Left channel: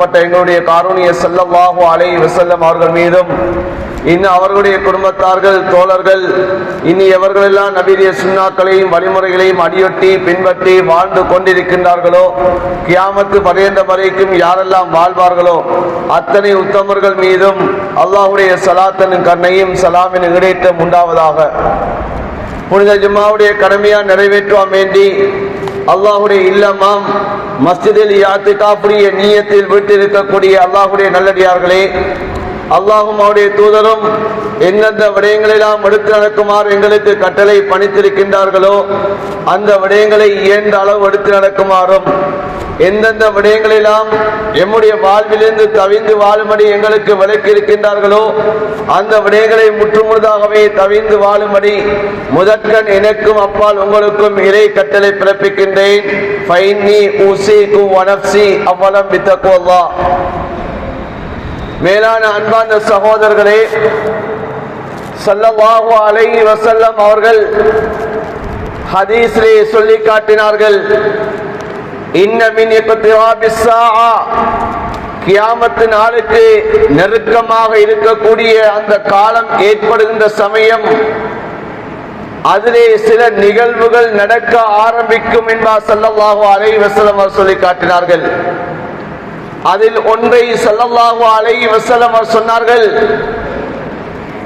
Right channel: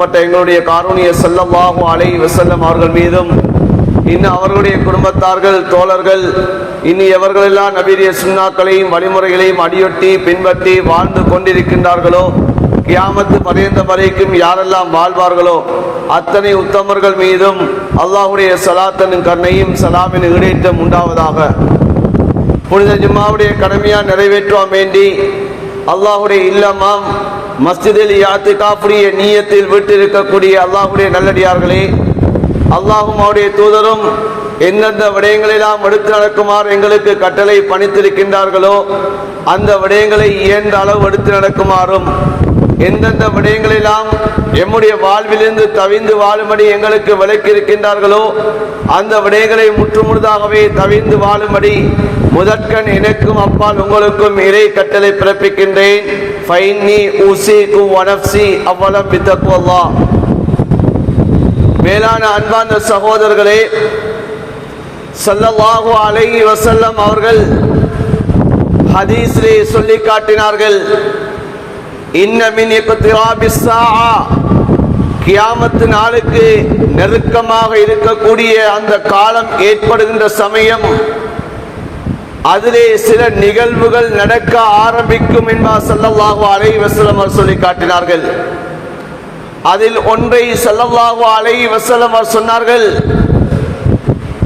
எங்களுடைய காரூணிய ஸல்லல்லாஹு அலைஹி வஸல்லம் அவர்கள் மீதும் இன்னும் அவர்களுடைய குடும்பத்தார்கள் தோழர்கள் இன்னும் எவர்களெல்லாம் நபியுடைய சுன்னாக்களையும் வழிமுறைகளையும் அடியொட்டி பின்பற்றி வாழ்ந்து கொண்டிருக்கின்றார்களோ கியாமத்து பரியந்த வரைக்கும் யாரெல்லாம் வாழ்வார்களோ அத்தனை உத்தமர்கள் மீதும் அல்லாஹ்வுடைய ஸலாத்தின் கருணையும் சலாமின் ஈடேற்றம் உண்டாவதாக. புனித ஜும்மாவுடைய கடமையா நிறைவேற்றுவோம் வேண்டி அல்லாஹ்வுடைய இல்லமாம் மஸ்ஜிதில் இஅ்திகாஃபுடைய நியத்தில் விட்டிருக்கக்கூடிய அல்லாஹ்வுடைய நல்லடியார்களே, அல்லாஹும் அவருடைய தூதரும் எந்தெந்த விடயங்களெல்லாம் எடுத்து நடக்குமாறு எங்களுக்கு கட்டளை பணித்திருக்கின்றார்களோ அந்த விடயங்களை இயன்ற அளவு எடுத்து நடக்குமாறும், எந்தெந்த விடயங்களெல்லாம் எம்முடைய வாழ்விலிருந்து தவிந்து வாழும்படி எங்களுக்கு விலக்கி இருக்கின்றார்களோ அந்த விடயங்களை முற்றுமுழுதாகவே தவிந்து வாழும்படி முதற்கண் எனக்கும் அப்பால் உங்களுக்கும் இறை கட்டளை பிறப்பிக்கின்றேன். மேலான அன்பார்ந்த சகோதரர்களே, ஸல்லல்லாஹு அலைஹி வஸல்லம் அவர்கள் ஹதீஸிலே சொல்லி காட்டினார்கள், இன்ன மின் இக்திராபிஸ் ஸாஆ, கியாமத்து நாளுக்கு நெருக்கமாக இருக்கக்கூடிய அந்த காலம் ஏற்படுகின்ற சமயம் அதிலே சில நிகழ்வுகள் நடக்க ஆரம்பிக்கும் என்பார் ஸல்லல்லாஹு அலைஹி வஸல்லம் சொல்லி காட்டினார்கள். அதில் ஒன்றை ஸல்லல்லாஹு அலைஹி வஸல்லம் சொன்னார்கள்,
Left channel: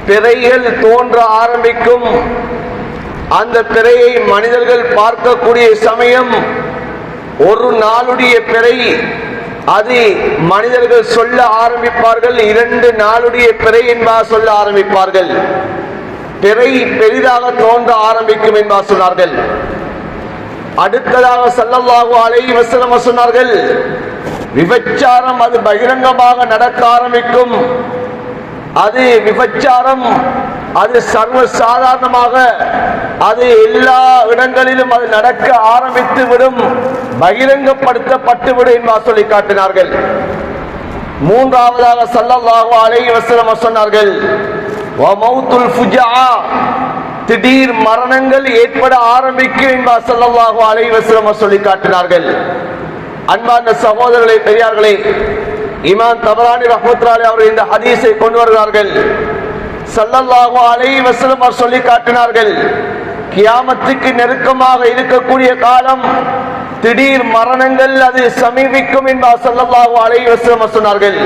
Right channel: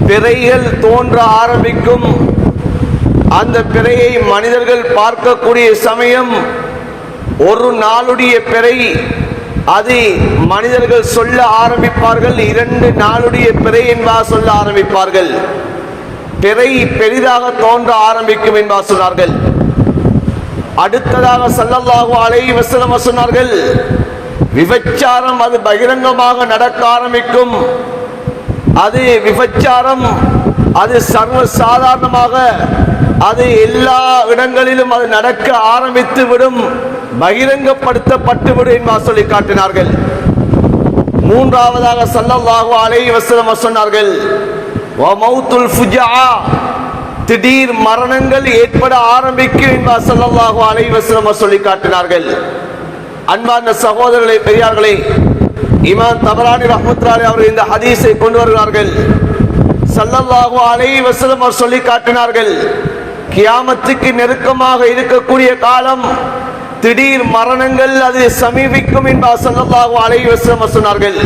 பிறைகள் தோன்ற ஆரம்பிக்கும். அந்த பிறையை மனிதர்கள் பார்க்கக்கூடிய சமயம் ஒரு நாளுடைய பிறை அது மனிதர்கள் சொல்ல ஆரம்பிப்பார்கள், 2 நாளுடைய பிறை என்பார் சொல்ல ஆரம்பிப்பார்கள். பிறை பெரிதாக தோன்ற ஆரம்பிக்கும் என்பார் சொன்னார்கள். அடுத்ததாக ஸல்லல்லாஹு அலைஹி வஸல்லம் சொன்னார்கள், விபச்சாரம் அது பகிரங்கமாக நடக்க ஆரம்பிக்கும். அது விபச்சாரம் அது சர்வ சாதாரணமாக அது எல்லா இடங்களிலும் அது நடக்க ஆரம்பித்து விடும், பகிரங்கப்படுத்தப்பட்டு விடும் என்று சொல்லி காட்டினார்கள். மூன்றாவதாக ஸல்லல்லாஹு அலைஹி வஸல்லம் சொன்னார்கள், வமௌத்துல் ஃபுஜஆ, திடீர் மரணங்கள் ஏற்பட ஆரம்பிக்கும் என்று ஸல்லல்லாஹு அலைஹி வஸல்லம் சொல்லி காட்டினார்கள். அன்பார்ந்த சகோதரர்களே, பெரியார்களே, இமாம் தபரானி ரஹ்மத்துல்லாஹி அவர்கள் இந்த ஹதீஸை கொண்டு வருகிறார்கள். ஸல்லல்லாஹு அலைஹி வஸல்லம் சொல்லி காட்டினார்கள், கியாமத்துக்கு நெருக்கமாக இருக்கக்கூடிய காலம் திடீர் மரணங்கள் அது சமீபிக்கும் என்று ஸல்லல்லாஹு அலைஹி வஸல்லம் சொன்னார்கள்.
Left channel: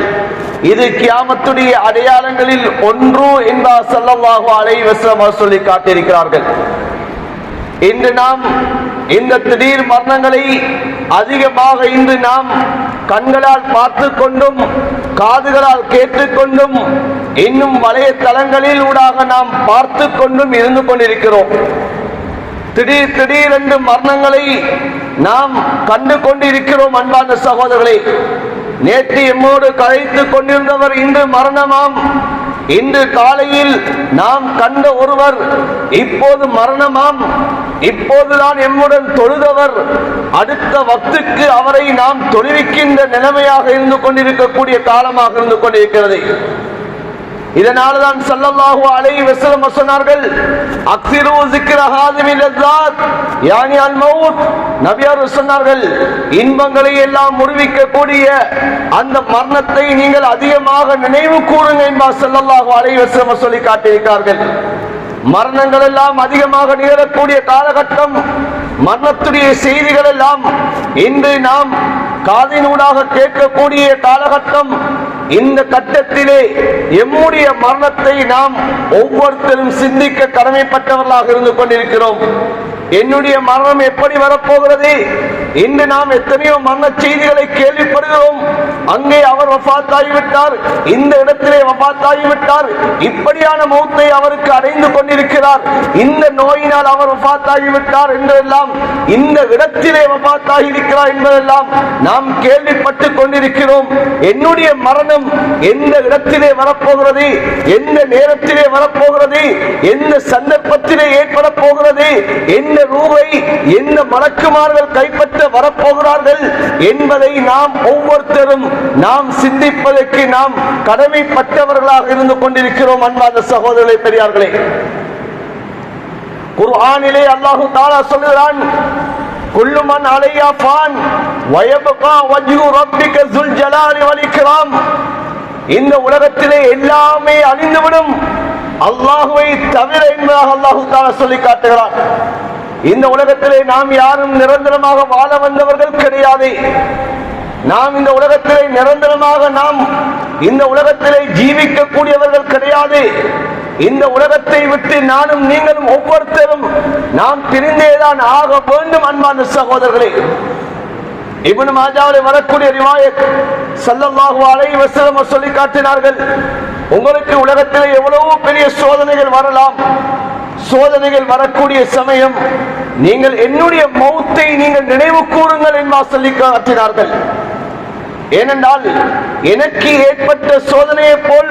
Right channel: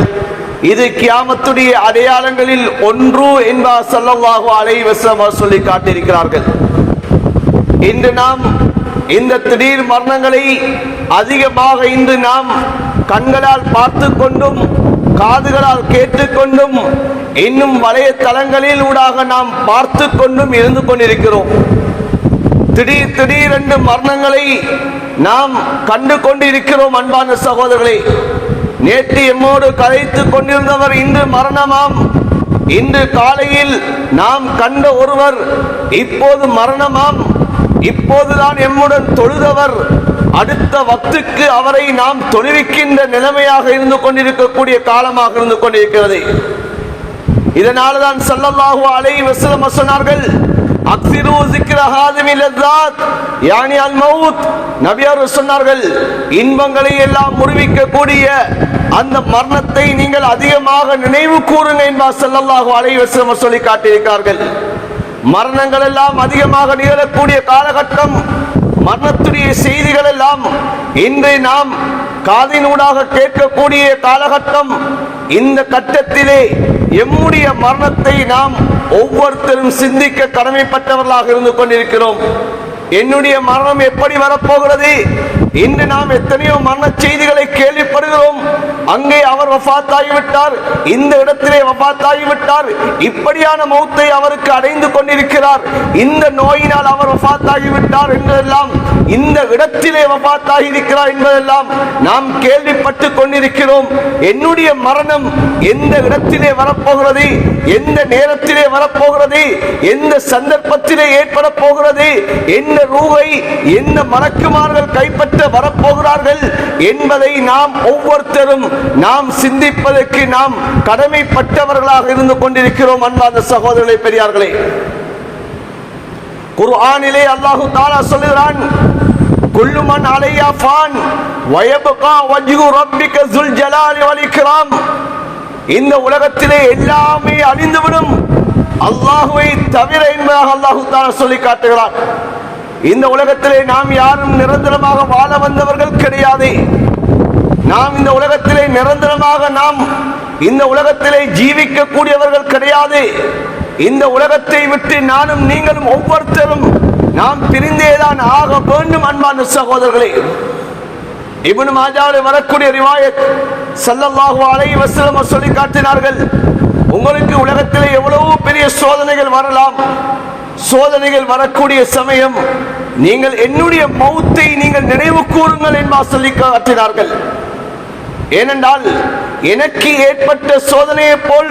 இது கியாமத்துடைய அடையாளங்களில் ஒன்று என்று ஸல்லல்லாஹு அலைஹி வஸல்லம் சொல்லி காட்டியிருக்கிறார்கள். இன்று நாம் இந்த திடீர் மரணங்களை அதிகமாக இன்று நாம் கண்களால் பார்த்து கொண்டும் காதுகளால் கேட்டுக்கொண்டும் இன்னும் வலைத்தளங்களில் ஊடாக நாம் பார்த்து கொண்டும் இருந்து கொண்டிருக்கிறோம். திடீர் என்று மரணங்களை நாம் கண்டு கொண்டிருக்கிறோம். அன்பான சகோதரர்களே, நேற்று எம்மோடு கதைத்துக் கொண்டிருந்தவர் இன்று மரணமாம். இன்று காலையில் நாம் கண்ட ஒருவர் இப்போது மரணமாம். இப்போதுதான் எம்முடன் தொழுதவர் அடுத்த வக்துக்கு அவரை நாம் தொழுவிக்கின்ற நிலைமையாக இருந்து கொண்டிருக்கக்கூடிய காலமாக இருந்து கொண்டிருக்கிறது. இதனால்தான் ஸல்லல்லாஹு அலைஹி வஸல்லம் சொன்னார்கள், அக்ஸிரு ஸிக்ர ஹாதிமில் லஸ்ஸாத் யானி அல் மௌத். நபியர் சொன்னார்கள், இன்பங்களை எல்லாம் முறிவிக்கக்கூடிய அந்த மரணத்தை நீங்கள் அதிகமாக நினைவு கூறுங்க என்று ஸல்லல்லாஹு அலைஹி வஸல்லம் சொல்லி காட்டியிருக்கிறார்கள். மரணங்கள் எல்லாம் அதிகமாக நிகழக்கூடிய காலகட்டம், மரணத்துடைய செய்திகள் எல்லாம் இன்று நாம் காதினூடாக கேட்கக்கூடிய காலகட்டம். இந்த கட்டத்திலே எம்முடைய மரணத்தை நாம் ஒவ்வொருத்தரும் சிந்திக்க கடமைப்பட்டவர்களாக இருந்து கொண்டிருக்கிறோம். என்னுடைய மரணம் எப்படி வரப்போகிறது? இன்று நாம் எத்தனையோ மரண செய்திகளை கேள்விப்படுகிறோம். அங்கே அவர் வஃபாத் ஆகிவிட்டார், இந்த இடத்திலே வஃபாத் ஆகிவிட்டார், இப்படியான மௌத்தை அவருக்கு அடைந்து கொண்டிருக்கிறார், இந்த நோயினால் அவர் வஃபாத் ஆகிவிட்டார் என்றெல்லாம், இந்த இடத்திலே வஃபாத் ஆகியிருக்கிறார் என்பதெல்லாம் நாம் கேள்விப்பட்டு கொண்டிருக்கிறோம். என்னுடைய மரணம் எந்த இடத்திலே வரப்போகிறது, எந்த நேரத்திலே வரப்போகிறது, எந்த சந்தர்ப்பத்திலே ஏற்பட போகிறது, என்ன ரூஹை என்ன மலக்குமார்கள் கைப்பற்ற வரப்போகிறார்கள் என்பதை நாம் ஒவ்வொருத்தரும் நாம் சிந்திப்பதற்கு நாம் கடமைப்பட்டவர்களாக இருந்து கொண்டிருக்கிறோம். அன்பார்ந்த சகோதரர்களே, பெரியார்களே, குர்ஆனிலே அல்லாஹ் தஆலா சொல்கிறான், குல்லு மன் அலைஹா ஃபான் வ யப்கா வஜ்ஹு ரப்பிக ஸுல் ஜலாலி வல் இக்ராம். இந்த உலகத்திலே எல்லாமே அழிந்துவிடும் அல்லாஹ்வை தவிர என்பதாக அல்லாஹ் தஆலா சொல்லி காட்டுகிறார். இந்த உலகத்திலே நாம் யாரும் நிரந்தரமாக வாழ வந்தவர்கள் கிடையாது. நாம் இந்த உலகத்திலே நிரந்தரமாக இந்த உலகத்திலே ஜீவிக்கக்கூடியவர்கள் கிடையாது. இந்த உலகத்தை விட்டு நானும் நீங்களும் ஒவ்வொருத்தரும் நாம் பிரிந்தேதான் ஆக வேண்டும். அன்பான சகோதரர்களே, இப்னு மாஜாவிலே வரக்கூடிய ரிவாயத் ஸல்லல்லாஹு அலைஹி வஸல்லம் சொல்லி காட்டினார்கள், உங்களுக்கு உலகத்திலே எவ்வளவு பெரிய சோதனைகள் வரலாம், சோதனைகள் வரக்கூடிய சமயம் நீங்கள் என்னுடைய மௌத்தை நீங்கள் நினைவு கூறுங்கள் என்பதாக சொல்லி காட்டினார்கள். ஏனென்றால் எனக்கு ஏற்பட்ட சோதனையை போல்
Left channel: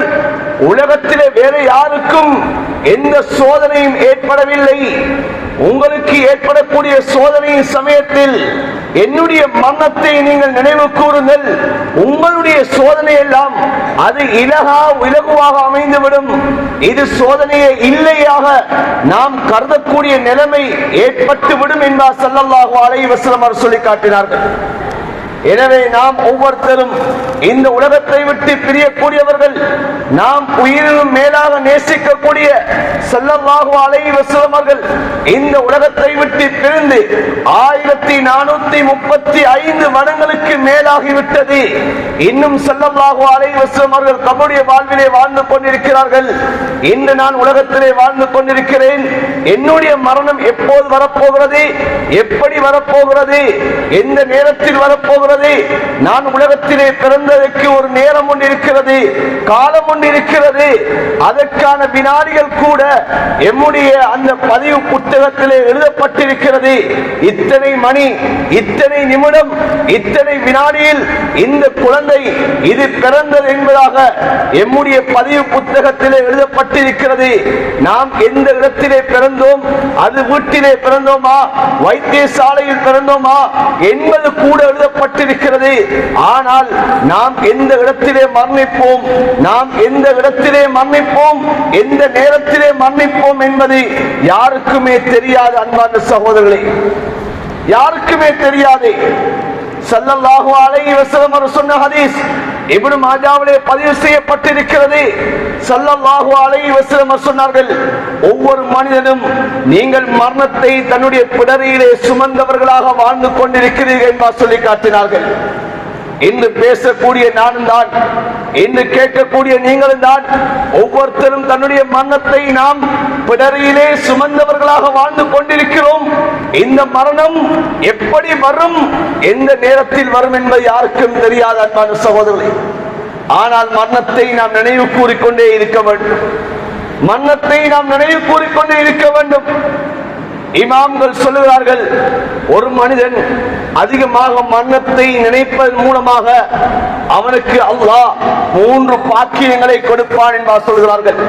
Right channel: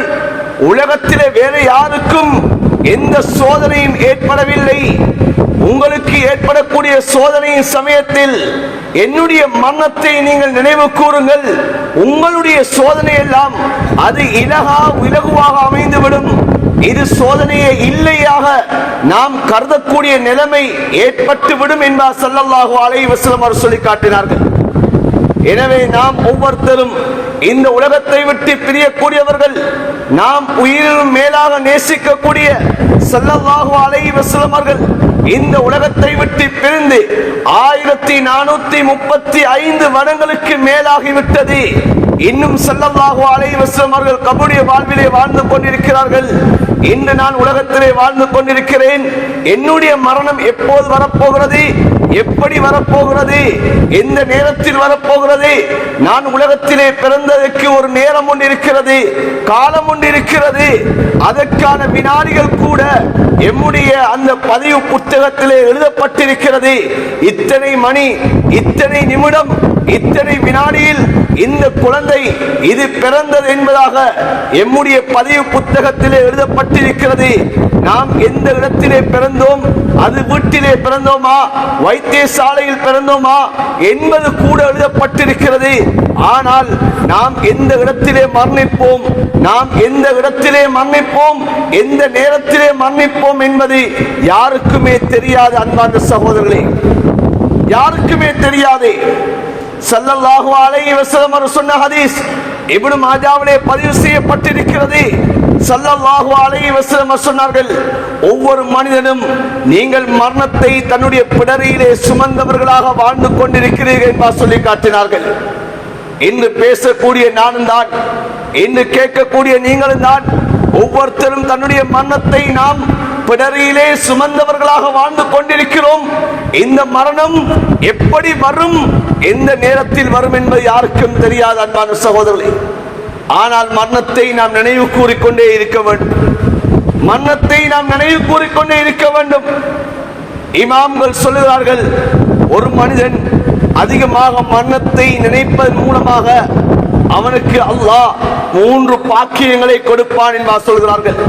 உலகத்திலே வேறு யாருக்கும் எந்த சோதனையும் ஏற்படவில்லை. உங்களுக்கு ஏற்படக்கூடிய சோதனையின் சமயத்தில் என்னுடைய மரணத்தை நீங்கள் நினைவு கூறுங்கள். உங்களுடைய சோதனை எல்லாம் அது இலகுவாக அமைந்துவிடும். இது சோதனையே இல்லையாக நாம் கருதக்கூடிய நிலைமை ஏற்பட்டுவிடும் என்பார் ஸல்லல்லாஹு அலைஹி வஸல்லம் அவர்கள் சொல்லி காட்டினார்கள். எனவே நாம் ஒவ்வொருத்தரும் இந்த உலகத்தை விட்டு பிரியக்கூடியவர்கள். நாம் உயிரினும் மேலாக நேசிக்கக்கூடிய ஸல்லல்லாஹு அலைஹி வஸல்லம் அவர்கள் இந்த உலகத்தை விட்டு பிரிந்து 1435 வருடங்களுக்கு மேலாகிவிட்டது. இன்னும் ஸல்லல்லாஹு அலைஹி வஸல்லம் அவர்கள் கபருடைய வாழ்விலே வாழ்ந்து கொண்டிருக்கிறார்கள். இன்று நான் உலகத்திலே வாழ்ந்து கொண்டிருக்கிறேன். என்னுடைய மரணம் எப்போது வரப்போகிறது, எப்படி வரப்போகிறது, எந்த நேரத்தில் வரப்போகிறது? நான் உலகத்திலே பிறந்ததற்கு ஒரு நேரம் ஒன்று இருக்கிறது, காலம் ஒன்று இருக்கிறது. அதற்கான வினாடிகள் கூட எம்முடைய அந்த பதிவு புத்தகத்திலே எழுதப்பட்டிருக்கிறது. இத்தனை மணி, இத்தனை நிமிடம், இத்தனை வினாடியில் இந்த குழந்தை இது பிறந்தது என்பதாக எம்முடைய பதிவு புத்தகத்திலே எழுதப்பட்டிருக்கிறது. நாம் எந்த இடத்திலே பிறந்தோம், அது வீட்டிலே பிறந்தோமா, வைத்தியசாலையில் பிறந்தோமா என்பது கூட எழுதப்பட்டிருக்கிறது. ஆனால் நாம் எந்த இடத்திலே மரணிப்போம், நாம் எந்த இடத்திலே மரணிப்போம், எந்த நேரத்திலே மரணிப்போம் என்பது யாருக்குமே தெரியாது. அன்பான சகோதரர்களே, யாருக்குமே தெரியாது. ஸல்லல்லாஹு அலைஹி வஸல்லம் அவர்கள் சொன்ன ஹதீஸ் இப்னு மாஜாவிலே பதிவு செய்யப்பட்டிருக்கிறது. ஸல்லல்லாஹு அலைஹி வஸல்லம் சொன்னார்கள், ஒவ்வொரு மனிதனும் நீங்கள் மரணத்தை தன்னுடைய பிடரியிலே சுமந்தவர்களாக வாழ்ந்து கொண்டிருக்கிறீர்கள் என்று சொல்லி காட்டினார்கள். இன்று பேசக்கூடிய நானும் தான், இன்று கேட்கக்கூடிய நீங்களும் தான், ஒவ்வொருத்தரும் தன்னுடைய மரணத்தை நாம் பிடரியிலே சுமந்தவர்களாக வாழ்ந்து கொண்டிருக்கிறோம். இந்த மரணம் எப்படி வரும், எந்த நேரத்தில் வரும் என்பது யாருக்கும் தெரியாது அன்பான சகோதரர்களே. ஆனால் மரணத்தை நாம் நினைவு கூறிக்கொண்டே இருக்க வேண்டும். மரணத்தை நாம் நினைவு கூறிக்கொண்டே இருக்க வேண்டும். இமாம்கள் சொல்லுகிறார்கள், ஒரு மனிதன் அதிகமாக மரணத்தை நினைப்பதன் மூலமாக அவனுக்கு அல்லாஹ் 3 பாக்கியங்களை கொடுப்பான் என்று சொல்கிறார்கள்.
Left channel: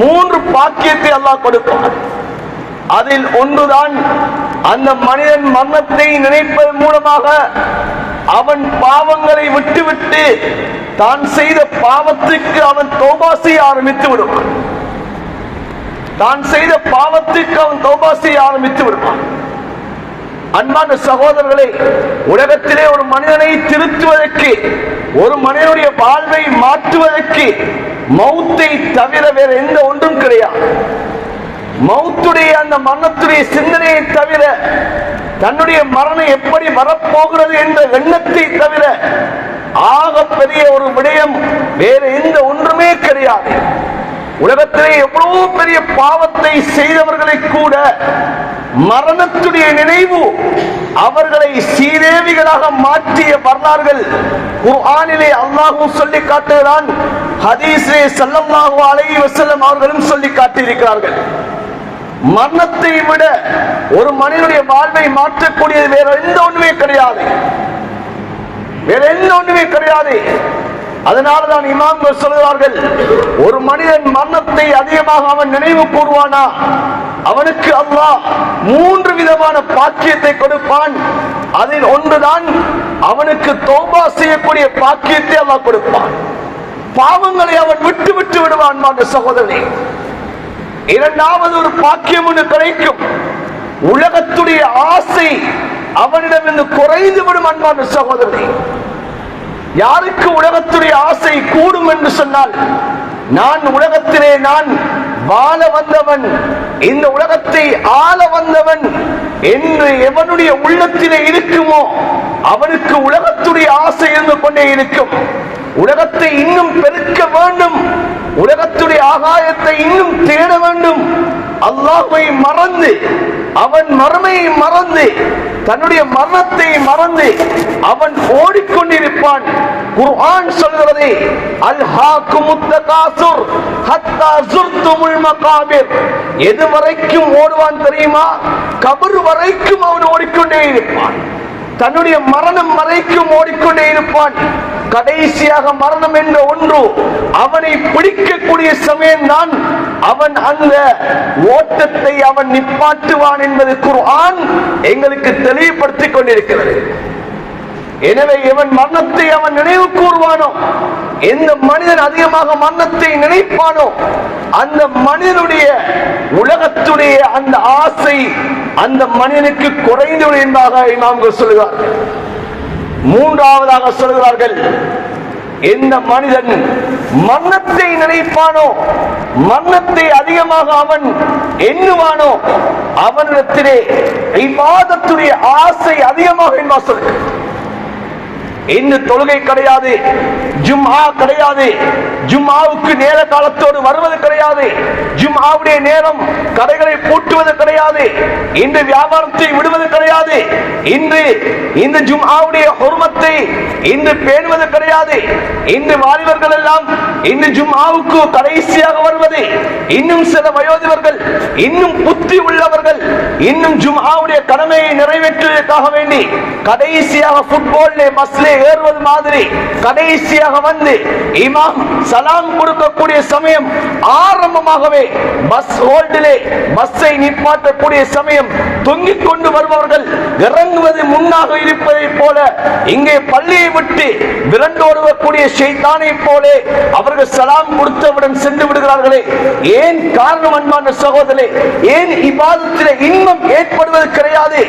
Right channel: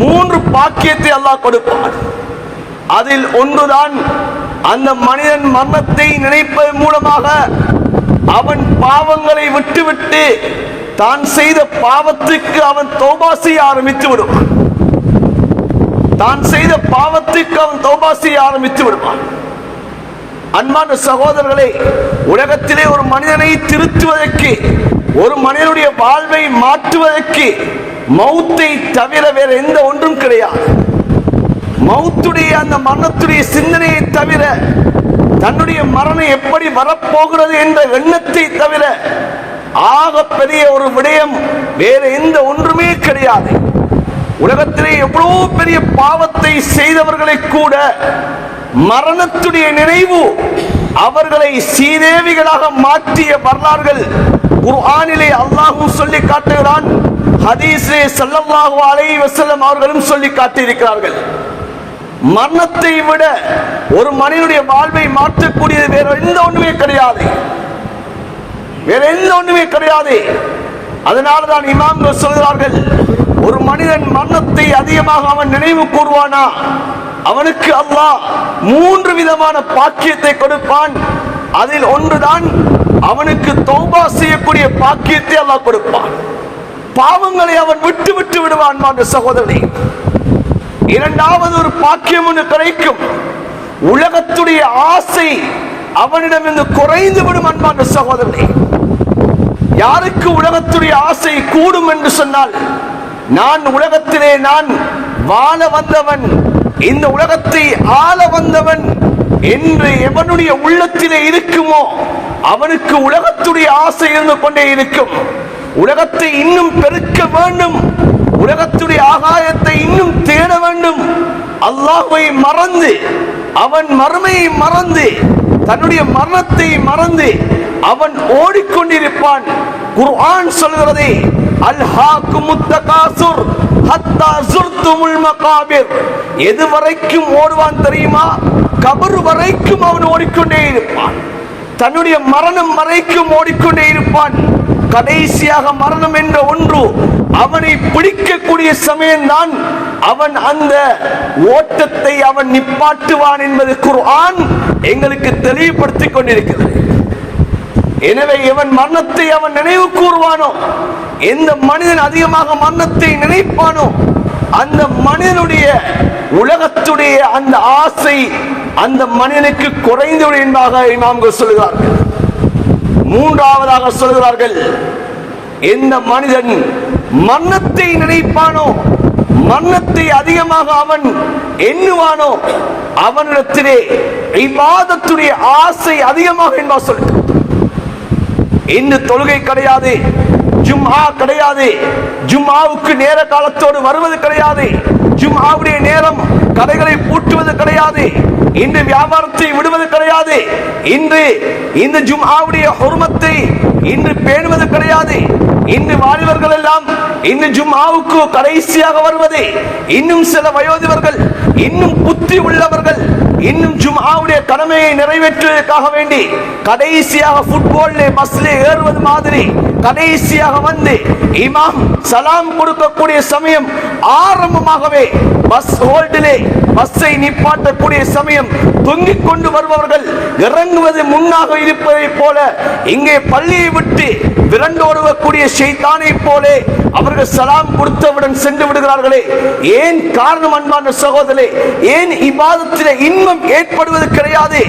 3 பாக்கியத்தை அல்லாஹ் கொடுப்பான். அதில் ஒன்றுதான், அந்த மனிதன் மரணத்தை நினைப்பதன் மூலமாக அவன் பாவங்களை விட்டுவிட்டு தான் செய்த பாவத்துக்கு அவன் தௌபா செய்ய ஆரம்பித்து விடுவான். தான் செய்த பாவத்துக்கு அவன் தௌபா செய்ய ஆரம்பித்து விடுவான். அன்பான சகோதரர்களே, உலகத்திலே ஒரு மனிதனை திருத்துவதற்கு, ஒரு மனிதனுடைய வாழ்வை மாற்றுவதற்கு மௌத்தை தவிர வேற எந்த ஒன்றும் கிடையாது. மௌத்துடைய அந்த மரணத்துடைய சிந்தனையை தவிர, தன்னுடைய மரணம் எப்படி வரப்போகிறது என்ற எண்ணத்தை தவிர ஆக பெரிய ஒரு விடயம் வேற எந்த ஒன்றுமே கிடையாது. உலகத்திலே எவ்வளவு பெரிய பாவத்தை செய்தவர்களை கூட மரணத்துடைய நினைவு அவர்களை சீதேவிகளாக மாற்றிய வரலாறுகள் குர்ஆனிலே அல்லாஹ் சொல்லி காட்டுகிறான். ஹதீஸிலே ஸல்லல்லாஹு அலைஹி வஸல்லம் அவர்களும் சொல்லி காட்டியிருக்கிறார்கள். மரணத்தை விட ஒரு மனிதனுடைய வாழ்வை மாற்றக்கூடியது வேற எந்த ஒன்றுமே கிடையாது, வேற எந்த ஒன்றுமே கிடையாது. அதனால்தான் இமாம்கள் சொல்கிறார்கள், ஒரு மனிதன் மரணத்தை அதிகமாக அவன் நினைவு கூறுவானா, அவனுக்கு அல்லாஹ் 3 விதமான பாக்கியத்தை கொடுப்பான். அதில் ஒன்றுதான் அவனுக்கு தௌபா செய்யக்கூடிய பாக்கியத்தை அல்லாஹ் கொடுப்பான். பாவங்களை அவன் விட்டு விட்டு விடுவான். சகோதரனே, இரண்டாவது ஒரு பாக்கியம் ஒன்று கிடைக்கும். உலகத்துடைய ஆசை அவனிடமிருந்து குறைந்து விடும். அன்பான சகோதரனே, யாருக்கு உலகத்துடைய ஆசை கூடும் என்று சொன்னால், நான் உலகத்திலே நான் வாழ வந்தவன், இந்த உலகத்தை ஆள வந்தவன் என்று எவனுடைய உள்ளத்திலே இருக்குமோ அவனுக்கு உலகத்துடைய ஆசை இருந்து கொண்டே இருக்கும். உலகத்தை இன்னும் பெருக்க வேண்டும், உலகத்துடைய ஆகாயத்தை இன்னும் தேட வேண்டும். அல்லாஹ்வை மறந்து, அவன் மறுமையை மறந்து, தன்னுடைய மரணத்தை மறந்து அவன் ஓடிக்கொண்டிருப்பான். குர்ஆன் சொல்கிறதே, அல்ஹாக்குமுத் தகாசுர் ஹத்தா ஸுர்துமுல் மகாபிர். எது வரைக்கும் ஓடுவான் தெரியுமா? கபர் வரைக்கும் அவன் ஓடிக்கொண்டே இருப்பான். தன்னுடைய மரணம் வரைக்கும் ஓடிக்கொண்டே இருப்பான். கடைசியாக மரணம் என்ற ஒன்று அவனை பிடிக்கக்கூடிய சமயம்தான் அவன் அந்த ஓட்டத்தை அவன் நிப்பாட்டுவான் என்பது குர்ஆன் எங்களுக்கு தெளிவுபடுத்திக் கொண்டிருக்கிறது. எனவே எவன் மரணத்தை அவன் நினைவு கூறுவானோ, எந்த மனிதன் அதிகமாக மரணத்தை நினைப்பானோ, அந்த மனிதனுடைய உலகத்துடைய அந்த ஆசை அந்த மனிதனுக்கு குறைந்துவிடும் என்பதாக இமாம்கள் சொல்கிறார்கள். மூன்றாவதாக சொல்கிறார்கள், எந்த மனிதன் மரணத்தை நினைப்பானோ, மரணத்தை அதிகமாக அவன் எண்ணுவானோ, அவனிடத்திலே இபாதத்துடைய ஆசை அதிகமாக என்பா சொல்கிறார். இன்னும் தொழுகை கிடையாது, ஜும்ஆ கிடையாது, ஜும்ஆவுக்கு நேர காலத்தோடு வருவது கிடையாது, ஜும்ஆவுடைய நேரம் கடைகளை பூட்டுவது கிடையாது, இன்று வியாபாரத்தை விடுவது கிடையாது, இன்று இந்த ஜும்ஆவுடைய ஹுர்மத்தை இன்று பேணுவது கிடையாது. இன்று வாலிபர்கள் எல்லாம் இன்று ஜும்ஆவுக்கு கடைசியாக வருவது, இன்னும் சில வயோதிபர்கள், இன்னும் புத்தி உள்ளவர்கள் இன்னும் ஜும்ஆவுடைய கடமையை நிறைவேற்றுவதற்காக வேண்டி கடைசியாக ஃபுட்பால்லே பஸ்லே ஏறுவது மாதிரி கடைசியாக வந்து இமாம் சலாம் கொடுக்கக்கூடிய சமயம் ஆரம்பமாகவே பஸ் ஹோல்டிலே பஸ்ஸை நிப்பாட்டக்கூடிய சமயம் தொங்கிக் கொண்டு வருபவர்கள் இறங்குவது முன்னாக இருப்பதை போல இங்கே பள்ளியை விட்டு விரண்டோடுவக்கூடிய ஷைத்தானை போலே அவர்கள் சலாம் கொடுத்தவுடன் சென்று விடுகிறார்களே. ஏன் காரணம்? அன்பான சகோதரே, ஏன் இபாதத்திலே இன்பம் ஏற்படுவது கிடையாது?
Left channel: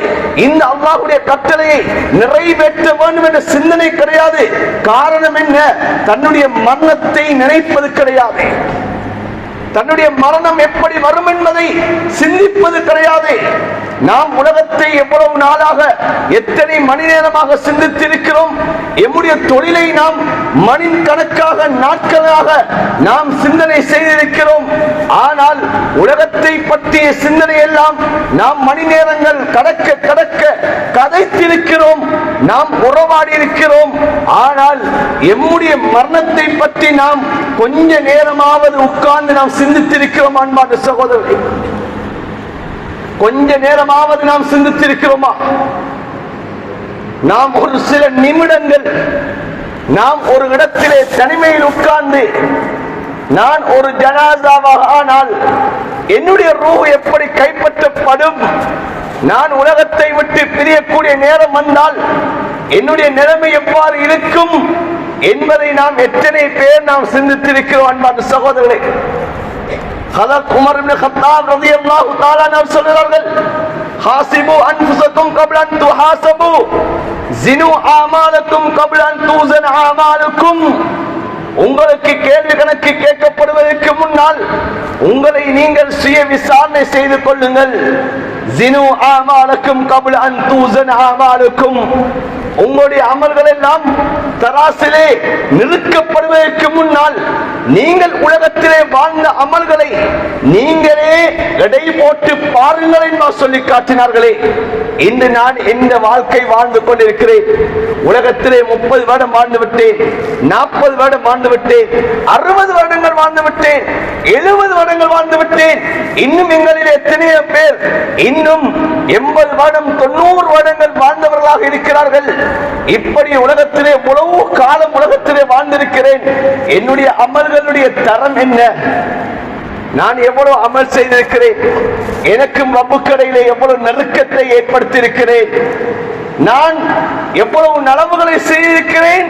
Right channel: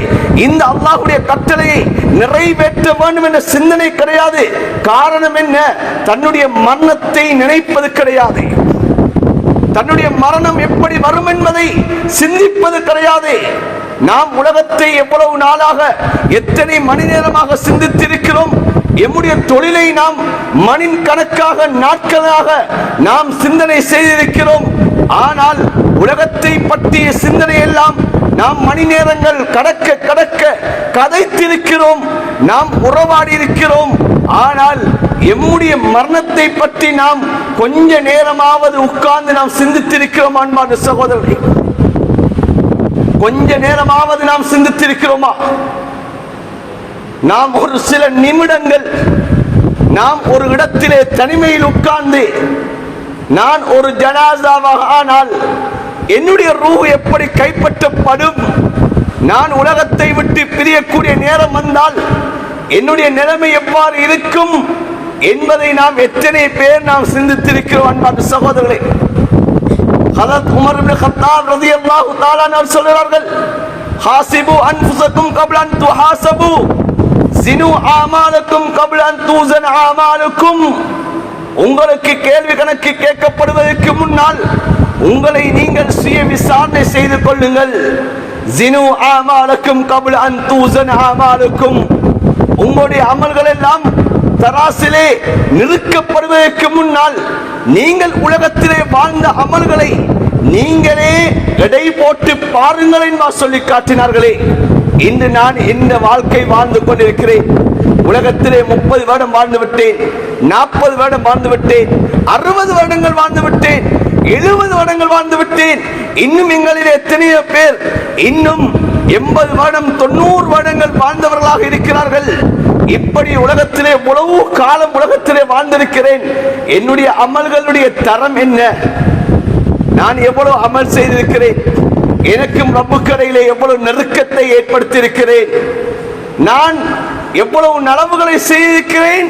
இந்த அல்லாஹ்வுடைய கட்டளையை நிறைவேற்ற வேண்டும் என்ற சிந்தனை கிடையாது. காரணம் என்ன? தன்னுடைய மரணத்தை நினைப்பது கிடையாது, தன்னுடைய மரணம் எப்படி வரும் என்பதை சிந்திப்பது கிடையாது. நாம் உலகத்தை எவ்வளவு நாளாக எத்தனை மணி நேரமாக சிந்தித்திருக்கிறோம். எம்முடைய தொழிலை நாம் மணி கணக்காக நாட்களாக நாம் சிந்தனை செய்திருக்கிறோம். ஆனால் உலகத்தை பற்றிய சிந்தனை எல்லாம் நாம் மணி நேரங்கள் கடக்க கடக்க கதைத்திருக்கிறோம், நாம் உறவாடி இருக்கிறோம். ஆனால் எம்முடைய மரணத்தை பற்றி நாம் கொஞ்ச நேரமாவது உட்கார்ந்து நாம் சிந்தித்திருக்கிறோம். அன்பான சகோதரர்களே, கொஞ்ச நேரமாவது நாம் சிந்தித்திருக்கிறோமா? நாம் ஒரு சில நிமிடங்கள் நாம் ஒரு இடத்திலே தனிமையில் உட்கார்ந்து, நான் ஒரு ஜனாசாவாக ஆனால் என்னுடைய ரூஹ் எப்படி கைப்பற்றப்படும், நான் உலகத்தை விட்டு பிரியக்கூடிய நேரம் வந்தால் என்னுடைய நிலைமை எவ்வாறு இருக்கும் என்பதை நாம் எத்தனை பேர் நாம் சிந்தித்திருக்கிறோம். அன்பான சகோதரர்களே, ஹதரத் உமர் இப்னு கத்தாப் ரலியல்லாஹு தஆலா அன்ஹு சொல்கிறார்கள், ஹாசிபு அன்ஃபுஸக்கும் கப்ல அன் துஹாசபு ஜினு ஆமாலக்கும் கப்ல அன் தூஸன் ஆமாலுக்கும். உங்களுக்கு கேள்வி கணக்கு கேட்கப்படுவதற்கு முன்னால் உங்களை நீங்கள் சுய விசாரணை செய்து கொள்ளுங்கள். ஜினு ஆமாலக்கும் கப்ல அன் தூஸன் ஆமாலுக்கும். உங்களுடைய அமல்கள் எல்லாம் தராசிலே நிறுக்கப்படுவதற்கு முன்னால் நீங்கள் உலகத்திலே வாழ்ந்த அமல்களை நீங்களே எடை போட்டு பாருங்கள் என்று சொல்லி காட்டினார்களே. இன்று நான் எந்த வாழ்க்கை வாழ்ந்து கொண்டிருக்கிறேன்? உலகத்திலே 30 வருடம் வாழ்ந்து விட்டேன், 40 வருடம் வாழ்ந்து விட்டேன், 60 வருடங்கள் வாழ்ந்து விட்டேன், 70 வருடங்கள் வாழ்ந்து விட்டேன். இன்னும் எங்களில் எத்தனையோ பேர் இன்னும் 80 வருடம் 90 வருடங்கள் வாழ்ந்தவர்களாக இருக்கிறார்கள். இப்படி உலகத்திலே எவ்வளவு காலம் உலகத்திலே வாழ்ந்திருக்கிறேன். என்னுடைய அமல்களுடைய தரம் என்ன? நான் எவ்வளவு அமல் செய்திருக்கிறேன்? எனக்கும் ரப்புக்கு இடையிலே எவ்வளவு நெருக்கத்தை ஏற்படுத்தி இருக்கிறேன்? நான் எவ்வளவு நலவுகளை செய்திருக்கிறேன்?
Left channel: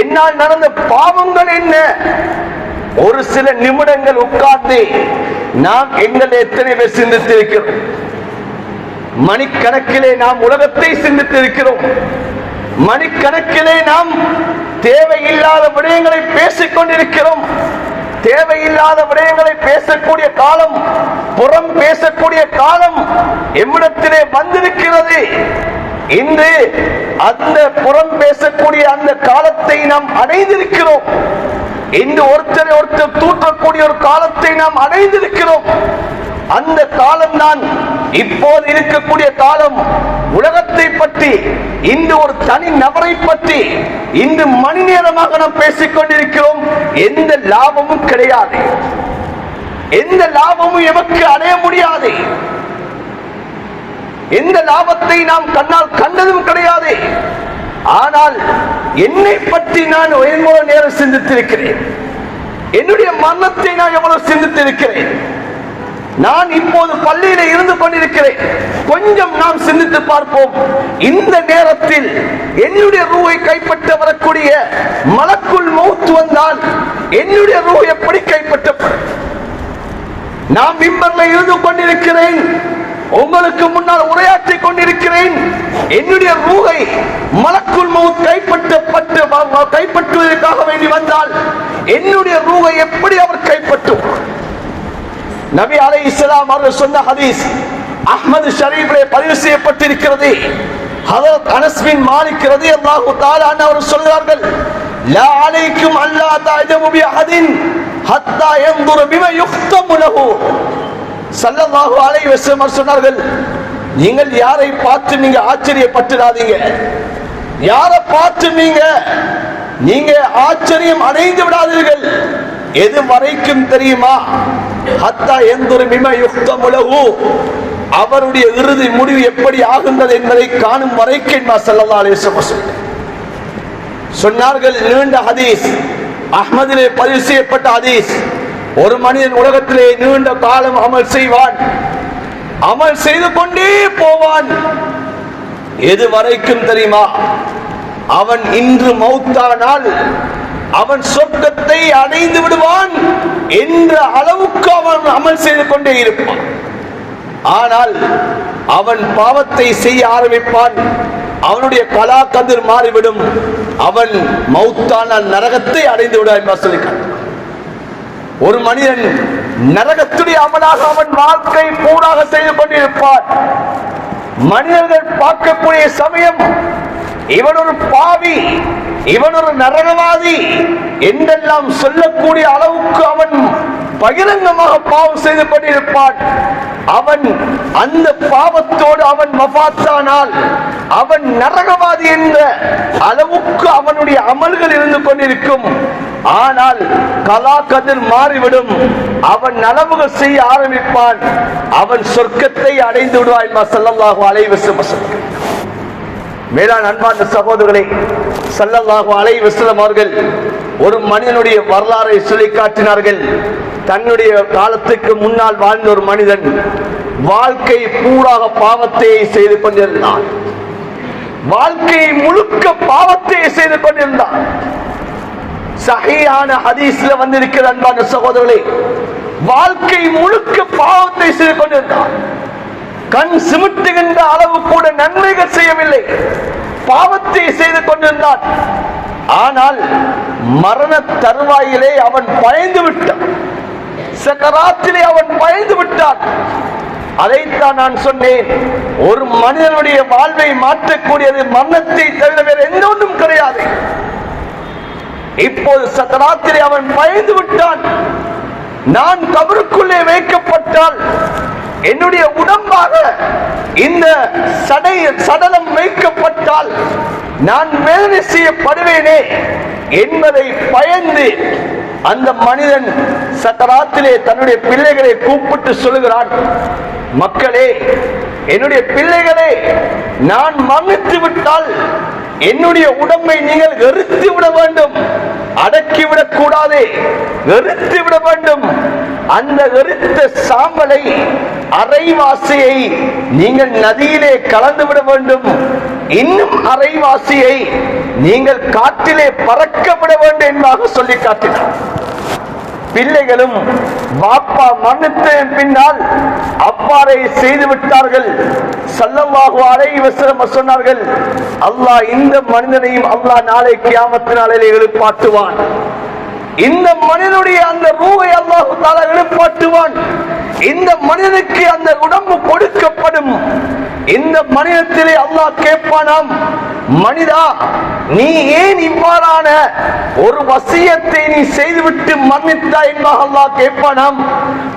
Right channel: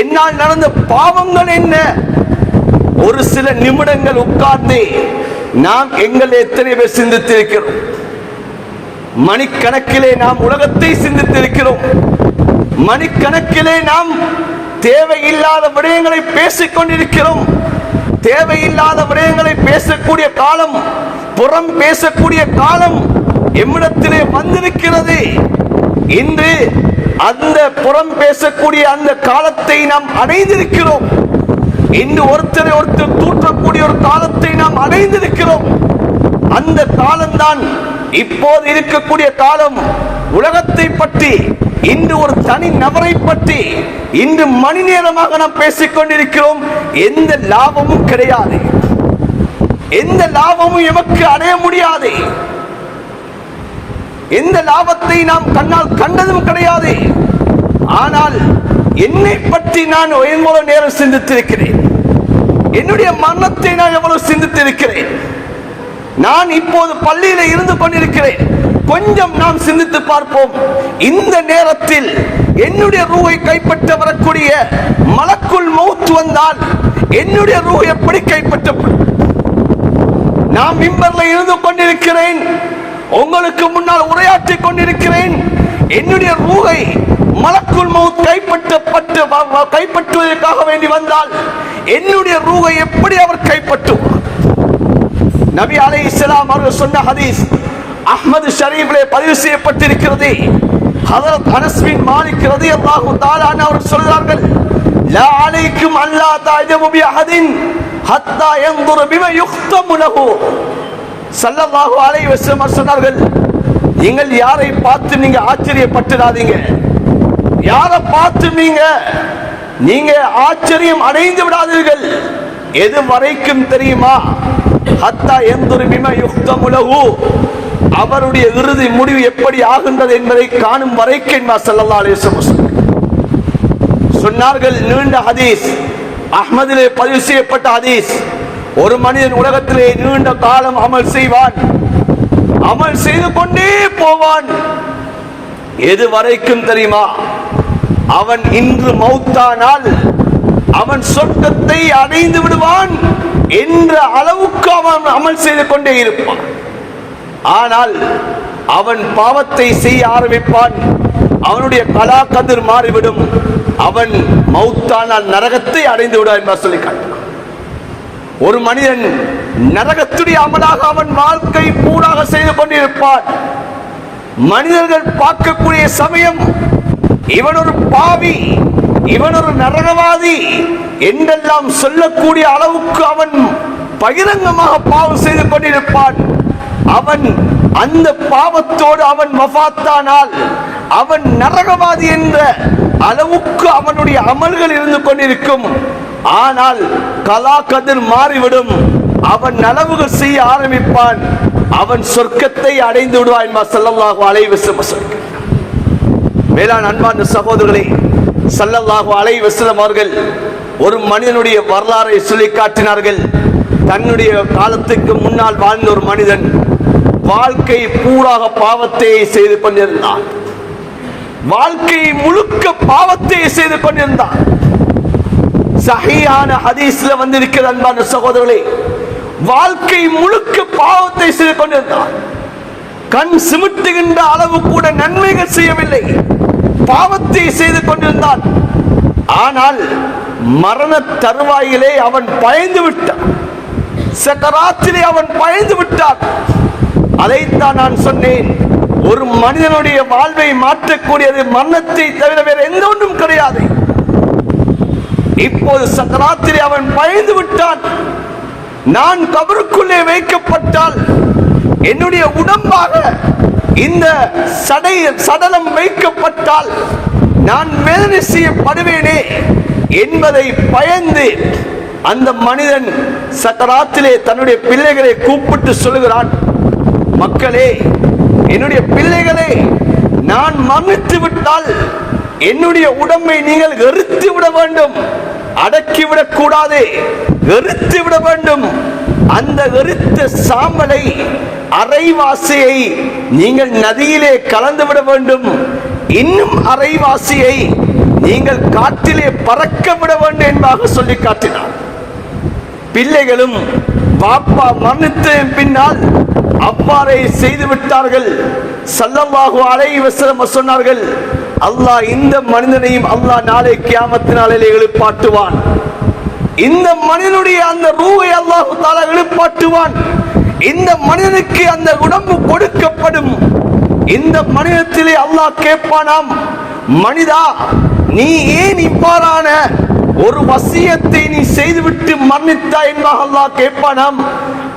என்னால் நடந்த பாவங்கள் என்ன? ஒரு சில நிமிடங்கள் உட்கார்ந்து நாம் எங்களை எத்தனை பேர் சிந்தித்திருக்கிறோம்? மணிக்கணக்கிலே நாம் உலகத்தை சிந்தித்திருக்கிறோம். மணிக்கணக்கிலே நாம் தேவையில்லாத விடயங்களை பேசிக் கொண்டிருக்கிறோம். தேவையில்லாத விடயங்களை பேசக்கூடிய காலம், புறம் பேசக்கூடிய காலம் எம்மிடத்திலே வந்திருக்கிறது. இன்று அந்த புறம் பேசக்கூடிய அந்த காலத்தை நாம் அடைந்திருக்கிறோம். இன்று ஒருத்தரை ஒருத்தர் தூற்றக்கூடிய ஒரு காலத்தை நாம் அடைந்திருக்கிறோம். அந்த காலம்தான் இப்போது இருக்கக்கூடிய காலம். உலகத்தை பற்றி, இன்று ஒரு தனி நபரை பற்றி இன்று மணி நேரமாக நாம் பேசிக் கொண்டிருக்கிறோம். எந்த லாபமும் கிடையாது, எந்த லாபமும் எமக்கு அடைய முடியாது, எந்த லாபத்தை நாம் கண்ணால் கண்டதும் கிடையாது. ஆனால் என்னை பற்றி நான் எவ்வளவு நேரம் சிந்தித்திருக்கிறேன், என்னுடைய மரணத்தை நான் எவ்வளவு சிந்தித்திருக்கிறேன். நான் இப்போது பள்ளியில இருந்து கொண்டிருக்கிறேன். கொஞ்சம் நாம் சிந்தித்து பார்ப்போம். இந்த நேரத்தில் என்னுடைய ரூஹை கைப்பற்ற வரக்கூடிய மலக்குல் மௌத் வந்தால் என்னுடைய ரூஹ் எப்படி கைப்பற்றும்? நான் மிம்பர்ல இருந்து கொண்டிருக்கிறேன், உங்களுக்கு முன்னால் உரையாற்றிக் கொண்டிருக்கிறேன். என்னுடைய ரூஹை மலக்குல் மௌத் கைப்பற்றுவதற்காக வேண்டி வந்தால் என்னுடைய ரூஹை எப்படி அவர் கைப்பற்றும்? நபி அலைஹிஸ்ஸலாம் அவர்கள் சொன்ன ஹதீஸ் அஹ்மது ஷரீஃபிலே பதிவு செய்யப்பட்டிருக்கிறது. ஹதரத் அனஸ் பின் மாலிக் ரலியல்லாஹு தஆலா அவர்கள் சொல்றார்கள், லா அலைக்கும் அல்லா தஅஜபு பி அஹதின் ஹத்தா யன்துர பிமா யுக்தமு லஹு. ஸல்லல்லாஹு அலைஹி வஸல்லம் சொன்னார்கள், நீங்கள் யாரை பார்த்து நீங்க ஆச்சரியப்பட்டுடாதீங்க, யாரை பார்த்து நீங்க ஆச்சரியம் அடைந்து விடாதீர்கள். எது வரைக்கும் தெரியுமா? ஹத்தா யன்துர பிமா யுக்தமு லஹு, அவருடைய இறுதி முடிவு எப்படி ஆகின்றது என்பதை காணும் வரைக்கும் ஸல்லல்லாஹு அலைஹி வஸல்லம் சொன்னார்கள். நீண்ட ஹதீஸ், அஹ்மதிலே பதிவு செய்யப்பட்ட ஹதீஸ். ஒரு மனிதன் உலகத்திலே நீண்ட காலம் அமல் செய்வான், அமல் செய்து கொண்டே போவான். எது வரைக்கும் தெரியுமா? அவன் இன்று மௌத்தானால் அவன் சொர்க்கத்தை அடைந்து விடுவான் என்ற அளவுக்கு அவன் அமல் செய்து கொண்டே இருப்பான். ஆனால் அவன் பாவத்தை செய்ய ஆரம்பிப்பான், அவனுடைய கலா கதிர் மாறிவிடும், அவன் மௌத்தானால் நரகத்தை அடைந்து விடுவான் என்று சொல்லியிருக்கிறான். ஒரு மனிதன் நரகத்துடைய அமலாக அவன் வாழ்க்கை பூராக செய்து கொண்டிருப்பான். மனிதர்கள் பார்க்கக்கூடிய சமயம் இவன் ஒரு பாவி, இவன் ஒரு நரகவாதி என்றெல்லாம் சொல்லக்கூடிய அளவுக்கு அவன் பகிரங்கமாக பாவம் செய்து கொண்டிருப்பான். அவன் அந்த பாவத்தோடு அவன் வஃபாத்தானால் அவன் நரகவாதி என்ற அளவுக்கு அவனுடைய அமல்கள் இருந்து கொண்டிருக்கும். ஆனால் கலா கதிர் மாறிவிடும், அவன் நனவுகள் செய்ய ஆரம்பிப்பான், அவன் சொர்க்கத்தை அடைந்து விடுவான் என்பார் ஸல்லல்லாஹு அலைஹி வஸல்லம். மேலான அன்பார்ந்த சகோதரர்களே, ஸல்லல்லாஹு அலைஹி வஸல்லம் அவர்கள் ஒரு மனிதனுடைய வரலாறை சொல்லி காட்டினார்கள். தன்னுடைய காலத்துக்கு முன்னால் வாழ்ந்த ஒரு மனிதன் வாழ்க்கை பூராக பாவத்தை செய்து கொண்டிருந்தான், வாழ்க்கை முழுக்க பாவத்தை செய்து கொண்டிருந்தான். சஹீஹான ஹதீஸ்ல வந்திருக்கிற அன்பான சகோதரர்களே, வாழ்க்கை முழுக்க பாவத்தை செய்து கொண்டிருந்தான். கண் சிமிட்டுகின்ற அளவு கூட நன்மைகள் செய்யவில்லை, பாவத்தை செய்து கொண்டிருந்தான். ஆனால் மரண தருவாயிலே அவன் பயந்து விட்டான், சக்கராத்திலே அவன் பயந்து விட்டான். அதைத்தான் நான் சொன்னேன், ஒரு மனிதனுடைய வாழ்வை மாற்றக்கூடியது மரணத்தை தவிர வேறு எந்த ஒன்றும் கிடையாது. இப்போது சக்கராத்திலே அவன் பயந்து விட்டான். நான் கபருக்குள்ளே வைக்கப்பட்டால் என்னுடைய உடம்பாக இந்த சடலம் வைக்கப்பட்டால் நான் வேதனை செய்யப்படுவேனே என்பதை பயந்து அந்த மனிதன் சக்கராத்திலே தன்னுடைய பிள்ளைகளை கூப்பிட்டு சொல்லுகிறான், மக்களே, என்னுடைய பிள்ளைகளே, நான் மரணித்து விட்டால் என்னுடைய உடம்பை நீங்கள் எரித்து விட வேண்டும், அடக்கிவிடக் கூடாது, எரித்து விட வேண்டும். அந்த எரித்த சாம்பலை, அரைவாசியை நீங்கள் நதியிலே கலந்து விட வேண்டும், இன்னும் அரைவாசியை நீங்கள் காற்றிலே பறக்க விட வேண்டும் என்பதாக சொல்லி காட்டினார். பிள்ளைகளும் பாப்பா மரணித்த பின்னால் அவ்வாறே செய்து விட்டார்கள். ஸல்லல்லாஹு அலைஹி வஸல்லம் சொன்னார்கள், அல்லாஹ் இந்த மனிதனையும் அல்லாஹ் நாளை கியாமத் நாளிலே எழுப்பாட்டுவான். இந்த மனிதனுடைய அந்த ரூஹை அல்லாஹ் தஆலா எழுப்பாட்டுவான். இந்த மனிதனுக்கு அந்த உடம்பு கொடுக்கப்படும். இந்த மனிதத்திலே அல்லாஹ் கேட்பானாம், மனிதா நீ ஏன் இவ்வாறான ஒரு வசியத்தை நீ செய்துவிட்டு மரணித்தாய் என்பதாக அல்லாஹ் கேட்பானாம்.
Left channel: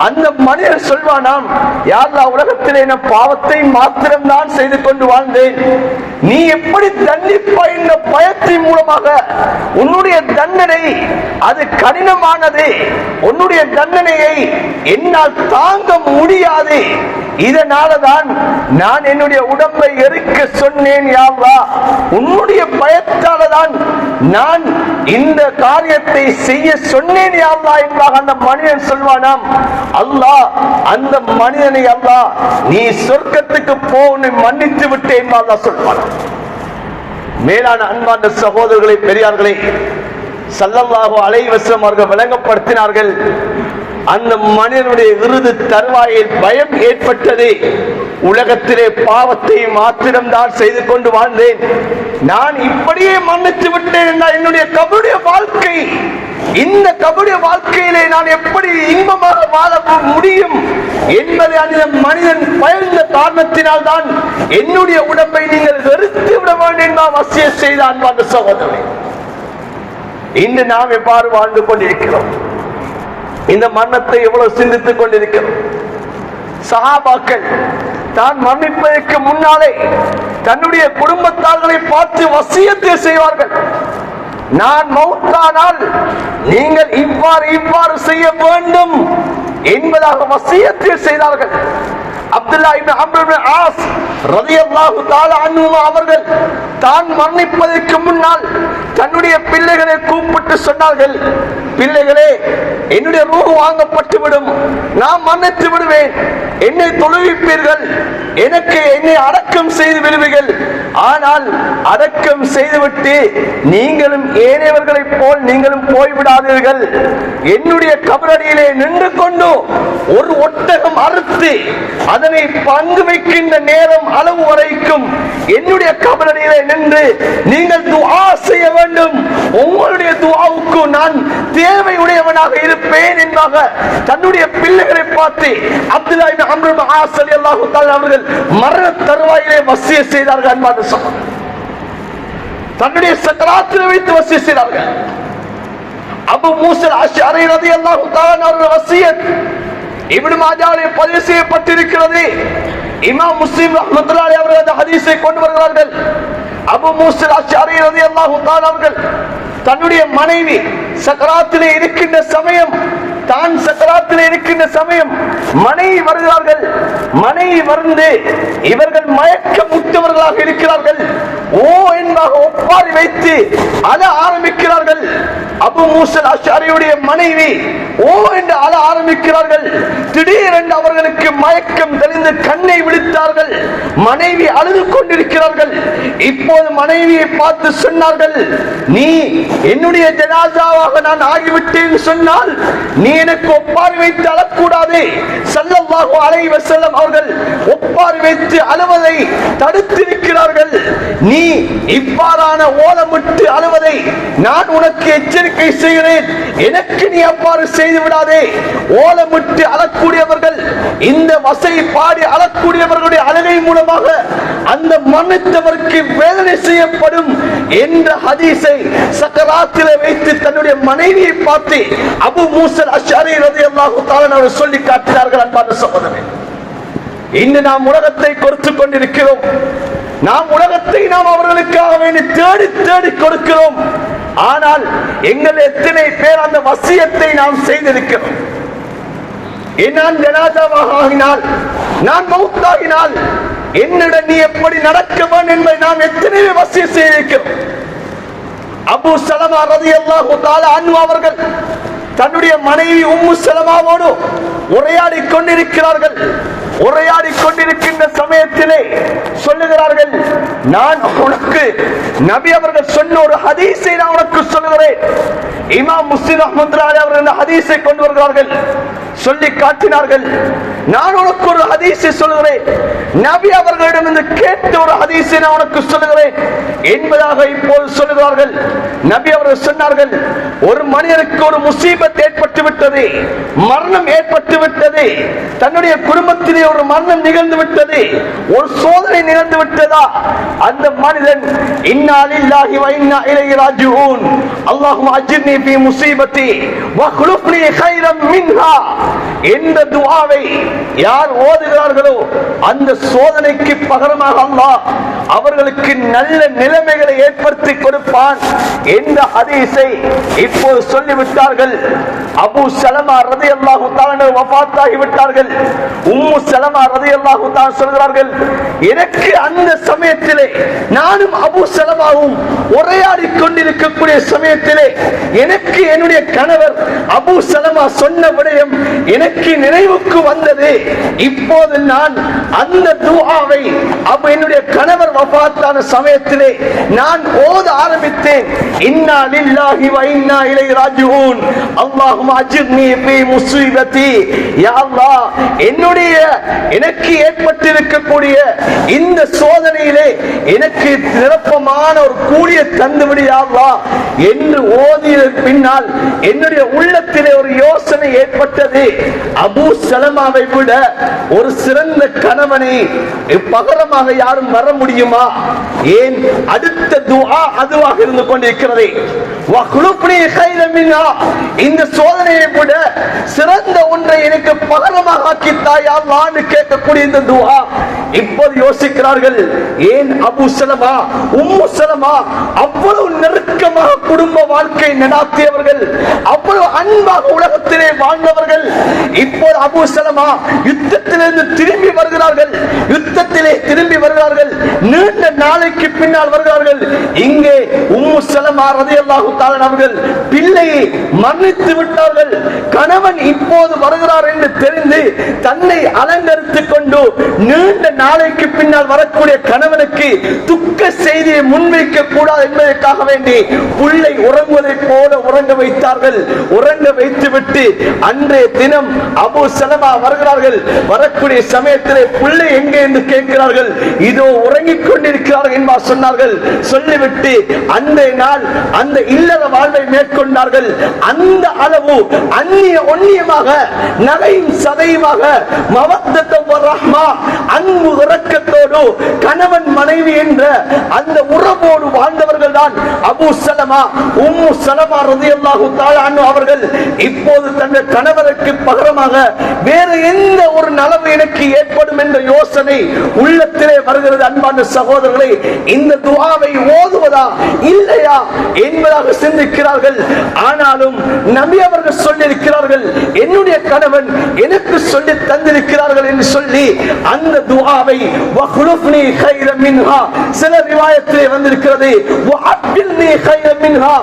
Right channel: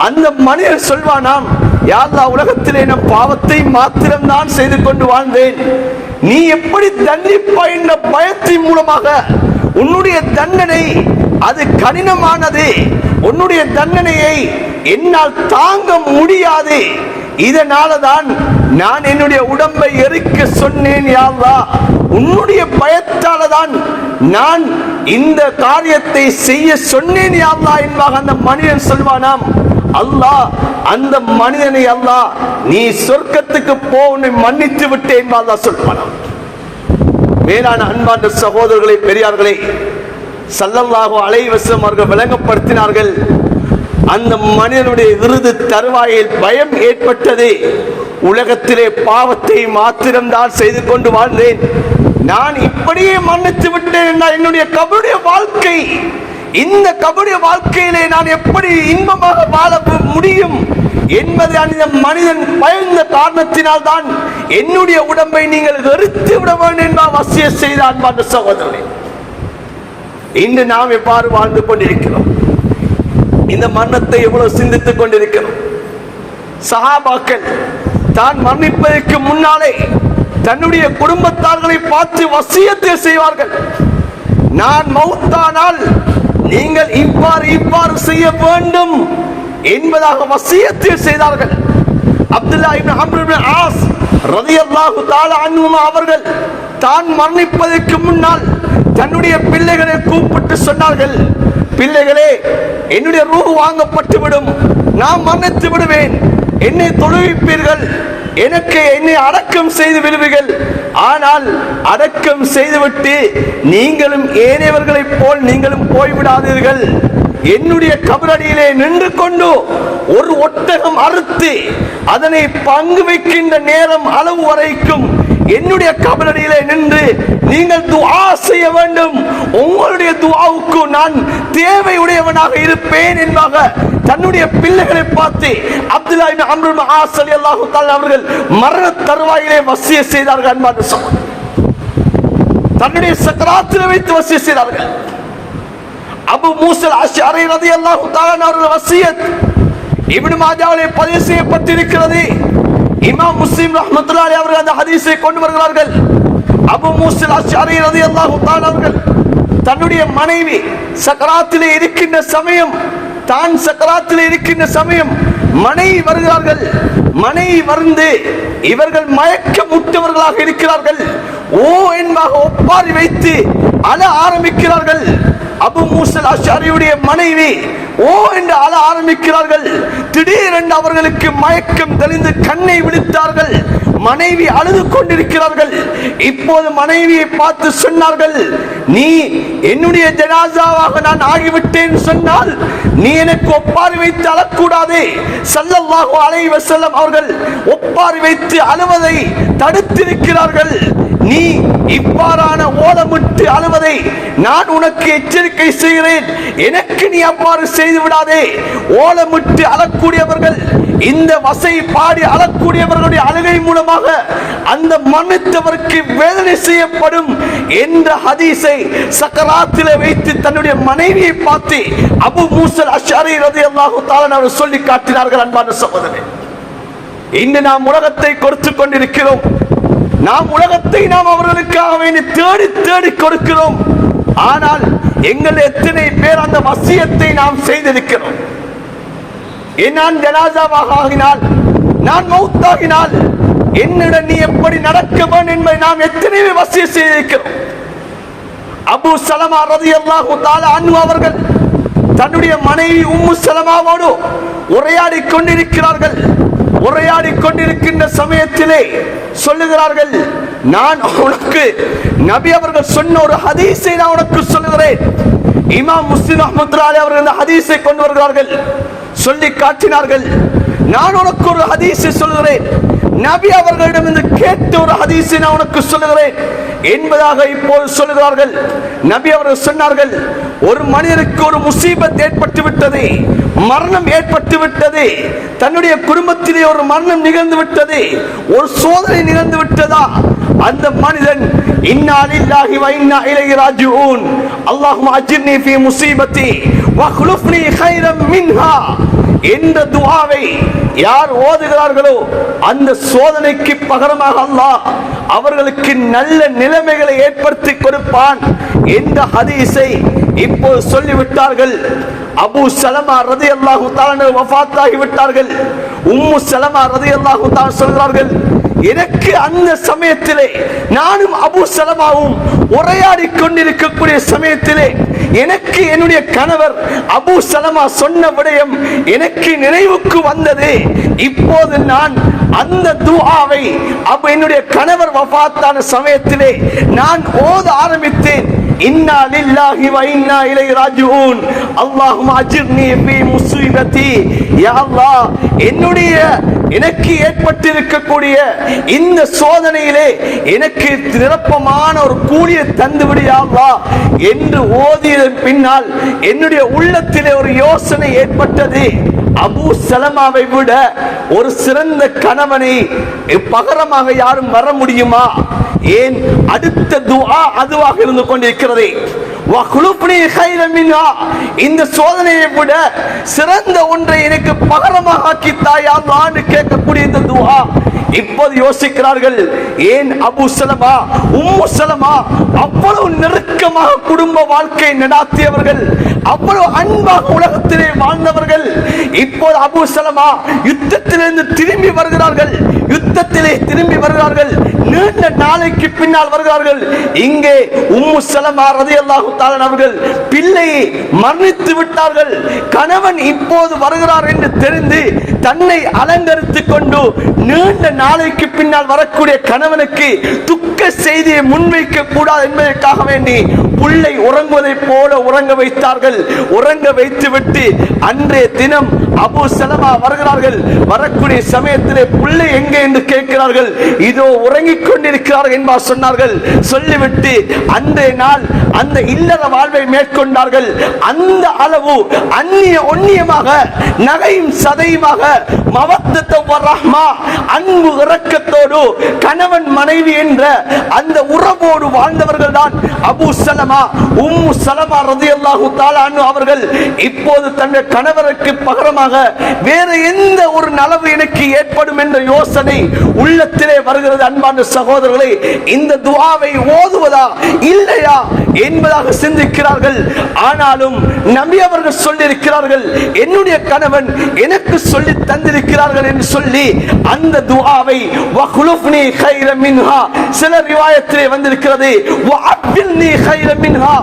அந்த மனிதன் சொல்வானாம், யா அல்லாஹ், உலகத்திலே நான் பாவத்தை மாத்திரம் தான் செய்து கொண்டு வாழ்ந்தேன். நீ எப்படி தண்டிப்பாய் என்ற பயத்தின் மூலமாக உன்னுடைய தண்டனை அது கடினமானது. உன்னுடைய தண்டனையை என்னால் தாங்க முடியாது. இதனாலதான் நான் என்னுடைய உடம்பை எரிக்க சொன்னேன். யா அல்லாஹ், உன்னுடைய பயத்தால தான் நான் இந்த காரியத்தை செய்ய சொன்னேன் யா அல்லாஹ் என்பதாக அந்த மனிதன் சொல்வானாம். அல்லாஹ் அந்த மனிதனை, அல்லாஹ் நீ சொர்க்கத்துக்கு போ, உன்னை மன்னித்து விட்டேன் என்று அல்லாஹ் சொல்வானாம். மேலான அன்பான சகோதரர்களே, பெரியார்களே, ஸல்லல்லாஹு அலைஹி வஸல்லம் அவர்கள் விளங்கப்படுத்தினார்கள், அந்த மனிதனுடைய இறுதி தருவாயில் பயம் ஏற்பட்டது. உலகத்திலே பாவத்தை மாத்திரம்தான் செய்து கொண்டு வாழ்ந்தேன், நான் இப்படியே மன்னித்து விட்டேன் என்றால் என்னுடைய கபருடைய வாழ்க்கை, இந்த கபருடைய வாழ்க்கையிலே நான் எப்படி இன்பமாக வாழ முடியும் என்பதை அந்த மனிதன் பயந்த காரணத்தினால் தான் என்னுடைய உடம்பை நீங்கள் வெறுத்து விடவான் என்றால் வசிய செய்தான். சகோதரனே, இன்று நாம் எவ்வாறு வாழ்ந்து கொண்டிருக்கிறோம்? இந்த மரணத்தை எவ்வளவு சிந்தித்துக் கொண்டிருக்கிறோம்? சஹாபாக்கள் தான் மரணிப்பதற்கு முன்னாலே தன்னுடைய குடும்பத்தார்களை பார்த்து வசியத்தை செய்வார்கள். நான் மௌத்தானால் நீங்கள் இவ்வாறு செய்ய வேண்டும் என்பதாக வசியத்தை செய்தார்கள். அப்துல்லாஹ் இப்னு அம்ர் இப்னு ஆஸ் ரலியல்லாஹு தஆலா அன்ஹு அவர்கள் தான் மரணிப்பதற்கு முன்னால் தன்னுடைய பிள்ளைகளை கூப்பிட்டு சொன்னார்கள், பிள்ளைகளே, என்னுடைய ரூஹ் வாங்கப்பட்டு விடும், நான் மரணித்து விடுவேன், என்னை தொழுவிப்பீர்கள், என்னை அடக்கம் செய்து விடுவீர்கள். ஆனால் அடக்கம் செய்துவிட்டு நீங்களும் ஏனையவர்களைப் போல் நீங்களும் போய்விடாதீர்கள். என்னுடைய கபரடியிலே நின்று கொண்டு ஒரு ஒட்டகம் அறுத்து அதனை பங்கு வைக்கின்ற நேரம் அளவு வரைக்கும் என்னுடைய கபரடியிலே நின்று நீங்கள் துஆ செய்ய வேண்டும். உங்களுடைய துஆவுக்கு நான் தேவையுடையவனாக இருப்பேன் என்பதாக தன்னுடைய பிள்ளைகளை பார்த்து அப்துல்லாஹ் இப்னு அம்ர் இப்னு ஆஸ் ரலியல்லாஹு தஆலா அவர்கள் மரண தருவாயிலே வசிய செய்தார்கள். அன்பான சகோதரர்களே, தன்னுடைய சக்கராத்தில் வைத்து வசிய செய்தார்கள். அபூ மூஸா அஷ்அரி ரலியல்லாஹு தஆலா அவர்கள் வசியத் இப்னு மாஜாவிலே பதிவு செய்யப்பட்டிருக்கிறது. இமாம் முஸ்லிம் ரஹ்மத்துல்லாஹி அலைஹி அவர்கள் அந்த ஹதீஸை கொண்டு வருகிறார்கள். அபூ மூஸா அஷ்அரி ரலியல்லாஹு தஆலா அவர்கள் தன்னுடைய மனைவி சக்கராத்திலே இருக்கின்ற சமயம், தான் சக்கராத்திலே இருக்கின்ற சமயம் மனைவி வருகிறார்கள். மனைவி வந்து இவர்கள் மயக்கமுற்றவர்களாக இருக்கிறார்கள். ஓ என்பதாக ஒப்பாரி வைத்து அழ ஆரம்பிக்கிறார்கள். அபூ மூஸா அஷ்அரியுடைய மனைவி ஓ என்று அழ ஆரம்பிக்கிறார்கள். திடீரென்று அவர்களுக்கு மயக்கம் தெளிந்து கண்ணை விழித்தார்கள். மனைவி அழுது கொண்டிருக்கிறார்கள். இப்போது மனைவியை பார்த்து சொன்னார்கள், நீ என்னுடைய ஜனாசாவாக நான் ஆகிவிட்டேன் சொன்னால் நீ எனக்கு ஒப்பாரி வைத்து அழக்கூடாது. ஸல்லல்லாஹு அலைஹி வஸல்லம் அவர்கள் ஒப்பாரி வைத்து அழுவதை தடுத்திருக்கிறார்கள். நீ இவ்வாறான ஓலமிட்டு அழுவதை நான் உனக்கு எச்சரிக்கை செய்கிறேன். எனக்கு நீ அவ்வாறு செய்து விடாதே. ஓலமிட்டு அழக்கூடியவர்கள், இந்த வசை பாடி அழக்கூடியவர்களுடைய அழுகை மூலமாக அந்த மன்னித்தவருக்கு வேதனை செய்யப்படும் என்ற ஹதீஸை சக்கராத்திலே வைத்து தன்னுடைய மனைவியை பார்த்து அபூ மூஸா அஷ்அரி ரலியல்லாஹு தஆலா சொல்லி காட்டினார்கள். அன்பான சகோதரரே, இன்று நாம் உலகத்தை கொடுத்து கொண்டிருக்கிறோம். நாம் உலகத்தை நாம் அவர்களுக்காக வேண்டி தேடி தேடி கொடுக்கிறோம். ஆனால் எங்கள் எத்தனை பேர் அந்த வசியத்தை நாம் செய்திருக்கிறோம்? நான் ஜனாசாவாக ஆகினால், நான் மௌத்தாகினால் என்னிடம் நீ எப்படி நடக்க வேண்டும் என்பதை நாம் எத்தனை வசிய செய்திருக்கிறோம்? அபூ சலமா ரலியல்லாஹு தஆலா அன்ஹு அவர்கள் தன்னுடைய மனைவி உம்மு சலமாவோடு உரையாடி கொண்டிருக்கிறார்கள். உரையாடி கொண்டிருக்கின்ற சமயத்திலே சொல்லுகிறார்கள், நான் உனக்கு நபி அவர்கள் சொன்ன ஒரு ஹதீஸை நான் உனக்கு சொல்லுகிறேன். இமாம் முஸ்லிம் ரஹ்மத்துல்லாஹி அவர்கள் அந்த ஹதீஸை கொண்டு வருகிறார்கள். சொல்லி காட்டினார்கள். நான் உனக்கு ஒரு ஹதீஸை சொல்கிறேன், நபி அவர்களிடமிருந்து கேட்ட ஒரு ஹதீஸை நான் உனக்கு சொல்லுகிறேன் என்பதாக இப்போது சொல்லுகிறார்கள். நபி அவர்கள் சொன்னார்கள், ஒரு மனிதனுக்கு ஒரு முசீபத் ஏற்பட்டு விட்டது, மரணம் ஏற்பட்டு விட்டது, தன்னுடைய குடும்பத்திலே ஒரு மரணம் நிகழ்ந்து விட்டது, ஒரு சோதனை நிகழ்ந்து விட்டதா, அந்த மனிதன் இன்னா லில்லாஹி வ இன்னா இலைஹி ராஜிஊன் அல்லாஹும்ம அஜிர்னி ஃபீ முஸீபத்தி வ க்லுஃப்னி கைரம் மின்ஹா என்ற துஆவை யார் ஓதுகிறார்களோ அந்த சோதனைக்கு பகரமாக அல்லாஹ் அவர்களுக்கு நல்ல நிலைமைகளை ஏற்படுத்தி கொடுப்பான் என்ற ஹதீஸை இப்போது சொல்லிவிட்டார்கள். அபூ சலமா ரலியல்லாஹு தஆலா வஃபாத் ஆகிவிட்டார்கள். உம்மு சலமா ரலியல்லாஹு தஆலா சொல்கிறார்கள், எனக்கு அந்த சமயத்திலே நானும் அபூ சலமாவும் உரையாடி கொண்டிருக்கக்கூடிய சமயத்திலே எனக்கு என்னுடைய கணவர் அபூ சலமா சொன்ன விடயம் எனக்கு நினைவுக்கு வந்தது. இப்போது நான் அந்த துஆவை என்னுடைய கணவர் வஃபாத்தான சமயத்திலே நான் ஓத ஆரம்பித்தேன். இன்னா லில்லாஹி வ இன்னா இலைஹி ராஜிஊன் அல்லாஹும்ம அஜிர்னி ஃபீ முஸீபத்தி. யா அல்லாஹ், என்னுடைய எனக்கு ஏற்பட்டிருக்கக்கூடிய இந்த சோதனையிலே எனக்கு நிரப்பமான ஒரு கூலியை தந்துவிடு யா அல்லாஹ் என்று ஓதிய பின்னால் என்னுடைய உள்ளத்திலே ஒரு யோசனை ஏற்பட்டது. அபூ சலமாவை விட ஒரு சிறந்த கணவனை பகரமாக யாரும் வர முடியுமா? ஏன் அடுத்த துஆ அதுவாக இருந்து கொண்டிருக்கிறது. வக்லுப்னி கைரம் மின்ஹா, இந்த சோதனையை விட சிறந்த ஒன்றை எனக்கு பகரமாக ஆக்கி தாயா அல்லாஹ்னு கேட்கக்கூடிய இந்த துஆ இப்போது யோசிக்கிறார்கள். ஏன் அபூ சலமா உம்மு சலமா அவ்வளவு நெருக்கமாக குடும்ப வாழ்க்கை நடாத்தியவர்கள், அவ்வளவு அன்பாக உலகத்திலே வாழ்ந்தவர்கள். இப்போது அபூ சலமா யுத்தத்திலிருந்து திரும்பி வருகிறார்கள். யுத்தத்திலே திரும்பி வருகிறார்கள். நீண்ட நாளைக்கு பின்னால் வருகிறார்கள். இங்கே உம்மு சலமா ரலியல்லாஹு தஆலா அவர்கள் பிள்ளையை மரணித்து விட்டார்கள். கணவன் இப்போது வருகிறார் என்று தெரிந்து தன்னை அலங்கரித்துக் கொண்டு நீண்ட நாளைக்கு பின்னால் வரக்கூடிய கணவனுக்கு துக்க செய்தியை முன்வைக்க கூடாது என்பதற்காக வேண்டி புள்ளை உறங்குவதை போல உறங்க வைத்தார்கள். உறங்க வைத்துவிட்டு அன்றைய தினம் அபூ சலமா வருகிறார்கள். வரக்கூடிய சமயத்திலே புள்ளை எங்கே என்று கேட்கிறார்கள். இதோ உறங்கிக் கொண்டிருக்கிறார்கள் என்பா சொன்னார்கள். சொல்லிவிட்டு அன்றைய நாள் அந்த இல்லற வாழ்வை மேற்கொண்டார்கள். அந்த அளவு அந்நிய ஒன்னியமாக நகையும் சதையுமாக மவத்தத்து வ ரஹ்மா, அன்பு இரக்கத்தோடு கணவன் மனைவி என்ற அந்த உறவோடு வாழ்ந்தவர்கள் தான் அபூ சலமா உம்மு சலமா ரலியல்லாஹு தஆலா அன்ஹு அவர்கள். இப்போது தங்கள் கணவருக்கு பகரமாக வேற எந்த ஒரு நலவு எனக்கு ஏற்படும் என்ற யோசனை உள்ளத்திலே வருகிறது. அன்பான சகோதரர்களே, இந்த துஆவை ஓதுவதா இல்லையா என்பதாக சிந்திக்கிறார்கள். ஆனாலும் நபி அவர்கள் சொல்லியிருக்கிறார்கள், என்னுடைய கணவன் எனக்கு சொல்லி தந்திருக்கிறார்கள் என்று சொல்லி அந்த துஆவை வக்லுஃப்னி கைரம் மின்ஹா, சில ரிவாயத்திலே வந்திருக்கிறது வஅப்தில்னி கைரம் மின்ஹா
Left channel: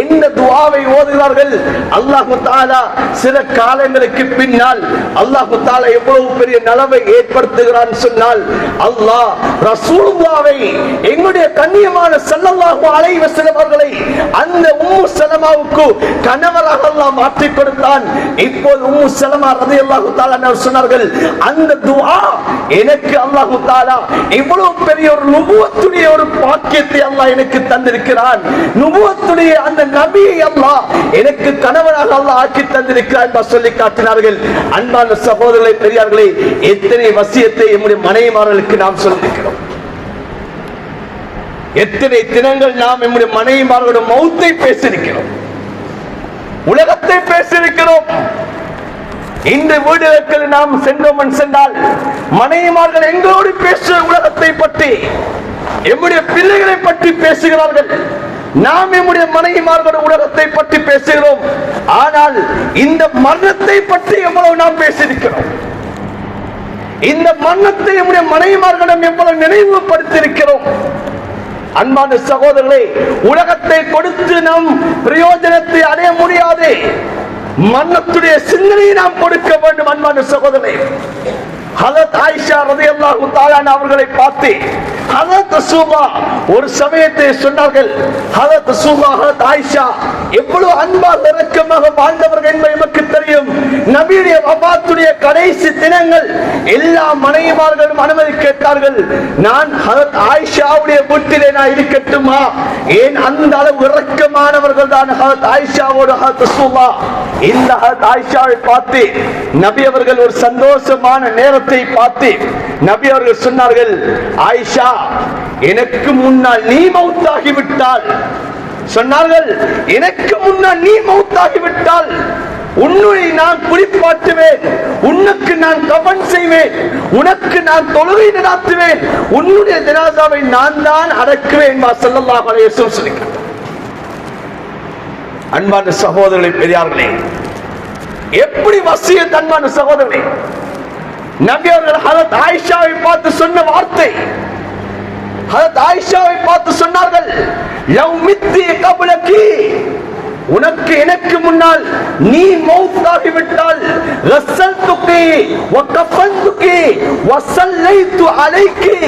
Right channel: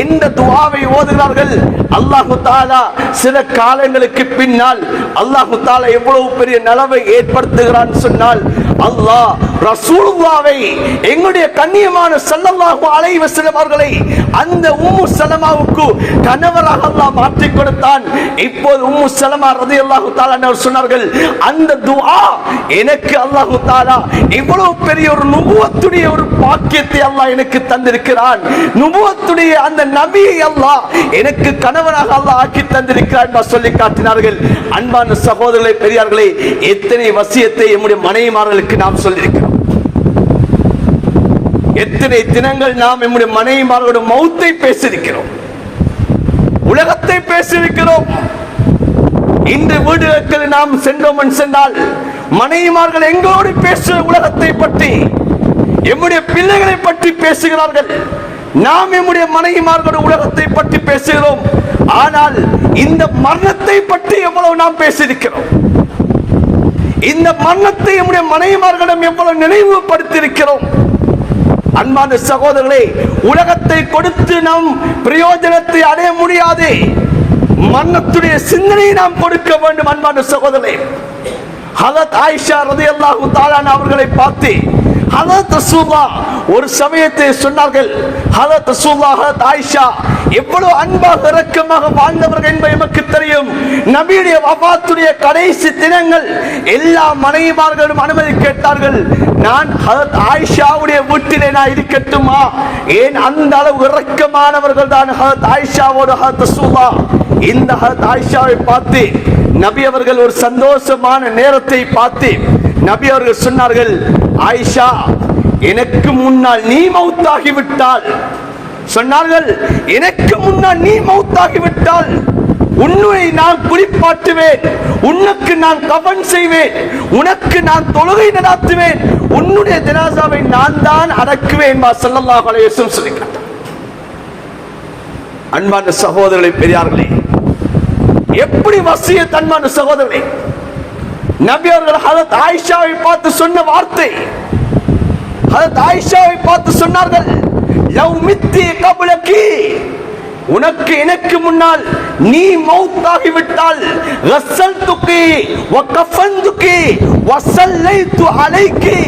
என்ற துஆவை ஓதுகிறார்கள். அல்லாஹ் தஆலா சில காலங்களுக்கு பின்னால் அல்லாஹ் தஆலா எவ்வளவு பெரிய நலவை ஏற்படுத்துகிறான் சொன்னால், அல்லாஹ் ரசூலுல்லாஹ்வை எங்களுடைய கண்ணியமான ஸல்லல்லாஹு அலைஹி வஸல்லம் அவர்களை அந்த உம்மு சலமாவுக்கு கணவராக அல்லாஹ் மாற்றி கொடுத்தான். இப்போது உம்மு சலமா ரலியல்லாஹு தஆலா அவர் சொன்னார்கள், அந்த துஆ எனக்கு அல்லாஹ் தஆலா இவ்வளவு பெரிய ஒரு நுபுவத்துடைய ஒரு பாக்கியத்தை அல்லாஹ் எனக்கு தந்திருக்கிறான். நுபுவத்துடைய அந்த நபியை அல்லாஹ் எனக்கு கணவராக அல்லாஹ் ஆக்கி தந்திருக்கிறான் என்று சொல்லி காட்டினார்கள். அன்பான சகோதரர்களே, பெரியார்களே, எத்தனை வசியத்தை நம்முடைய மனைவிமார்களுக்கு நாம் சொல்லியிருக்கிறோம். எத்தனை தினங்கள் நாம் நம்முடைய மனைவிமார்களுடைய மௌத்தை பேசியிருக்கிறோம், உலகத்தை பேசியிருக்கிறோம். இந்த வீடுகளுக்கு நாம் சென்றோம் சென்றால் மனைவிமார்கள் எங்களோடு பேசுகிற உலகத்தை பற்றி, எம்முடைய பிள்ளைகளை பற்றி பேசுகிறார்கள். நாம் நம்முடைய மனைவிமார்களுடைய உலகத்தை பற்றி பேசுகிறோம். ஆனால் இந்த மரணத்தை பற்றி எவ்வளவு நாம் பேசியிருக்கிறோம், இந்த மரணத்தை நம்முடைய மனைவிமார்களிடம் எவ்வளவு நினைவுபடுத்தியிருக்கிறோம். அன்பான சகோதரர்களே, உலகத்தை கொடுத்து நாம் பிரயோஜனத்தை அடைய முடியாது. மரணத்துடைய சிந்தனையை நாம் கொடுக்க வேண்டும். அன்பான சகோதரர்களே, ஹஜ்ரத் ஆயிஷா ரலியல்லாஹு தஆலா அவர்களை பார்த்து ஹஜ்ரத் ரசூலுல்லாஹ் ஒரு சமயத்தை சொன்னார்கள். ஹஜ்ரத் ரசூலுல்லாஹ் ஹஜ்ரத் ஆயிஷா எவ்வளவு அன்பாக இரக்கமாக வாழ்ந்தவர்கள் என்பது நமக்கு தெரியும். நபியுடைய வஃபாத்துடைய கடைசி தினங்கள் எல்லா மனைவிமார்களும் அனுமதி கேட்டார்கள். நான் ஹஜ்ரத் ஆயிஷாவுடைய வீட்டிலே நான் இருக்கட்டுமா? ஏன் அந்த அளவு இரக்கமானவர்கள் தான் ஹஜ்ரத் ஆயிஷாவோடு ஹஜ்ரத் ரசூலுல்லாஹ். இந்த ஹஜ்ரத் ஆயிஷாவை பார்த்து நபி அவர்கள் ஒரு சந்தோஷமான நேரத்தை பார்த்து நபி அவர்கள் சொன்னார்கள், ஆயிஷா, எனக்கு முன்னால் நீ மௌத்தாகிவிட்டால், சொன்னார்கள், எனக்கு முன்னால் நீ மௌத்தாகிவிட்டால் உன்னை நான் குளிப்பாட்டுவேன், உனக்கு நான் கஃன் செய்வேன், உனக்கு நான் தொழுகை நடாத்துவேன், உன்னுடைய ஜனாசாவை நான் தான் அடக்குவேன் ஸல்லல்லாஹு அலைஹி வஸல்லம் சொல்லிட்டார். அன்பான சகோதரர்களே, பெரியார்களே, எப்படி வசியத் அன்பான சகோதரர்களே, நபி அவர்கள் ஹஜ்ரத் ஆயிஷாவை பார்த்து சொன்ன வார்த்தை, ஹஜ்ரத் ஆயிஷாவை பார்த்து சொன்னார்கள், லவ் மித்தி கப்லகி, உனக்கு எனக்கு முன்னால் நீ மௌத்தாகி விட்டால் ரஸல்துகி வ கஃபன்துகி வ ஸல்லைது அலைகி,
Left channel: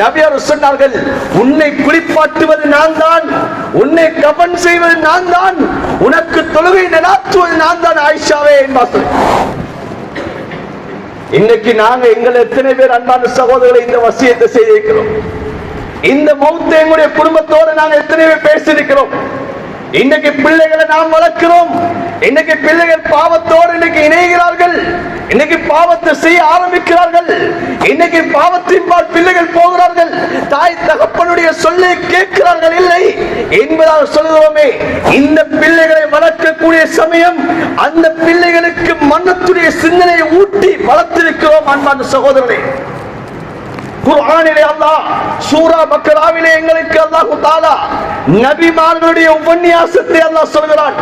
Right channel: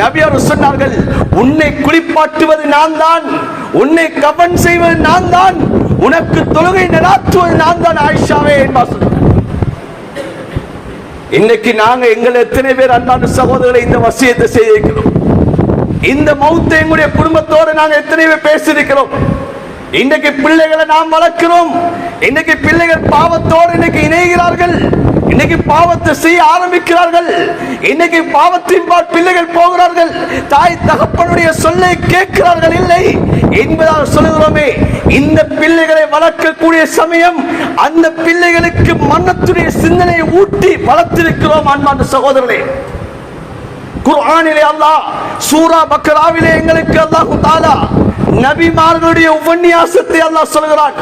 நபி அவர்கள் சொன்னார்கள், உன்னை குளிப்பாட்டுவது நான் தான், உன்னை கஃன் செய்வது நான் தான், உனக்கு தொழுகை நடாத்துவது நான் தான் ஆயிஷாவே என்பார்கள். இன்னைக்கு நாங்க எங்களை எத்தனை பேர் அன்பான சகோதரர்களை இந்த வசியத்தை செய்திருக்கிறோம்? இந்த மௌத்தை எங்களுடைய குடும்பத்தோடு நாங்க எத்தனை பேர் பேசியிருக்கிறோம்? இன்னைக்கு பிள்ளைகளை நாம் வளர்க்கிறோம். இன்னைக்கு பிள்ளைகள் பாவத்தோடு இன்னைக்கு இணைகிறார்கள், இன்னைக்கு பாவத்தை செய்ய ஆரம்பிக்கிறார்கள், இன்னைக்கு பாவத்தின் பால் பிள்ளைகள் போகிறார்கள், தாய் தகப்பனுடைய சொல்லை கேட்கிறார்கள் இல்லை என்பதாக சொல்கிறோமே. இந்த பிள்ளைகளை வளர்க்கக்கூடிய சமயம் அந்த பிள்ளைகளுக்கு மன்னத்துடைய சிந்தனை ஊட்டி வளர்த்திருக்கிறோம். அன்பான சகோதரர்களே, குர்ஆனிலே அல்லாஹ் சூரா பக்ராவிலே எங்களுக்கு அல்லாஹ் தஆலா நபிமார்களுடைய உபன்யாசத்தை அல்லாஹ் சொல்கிறான்.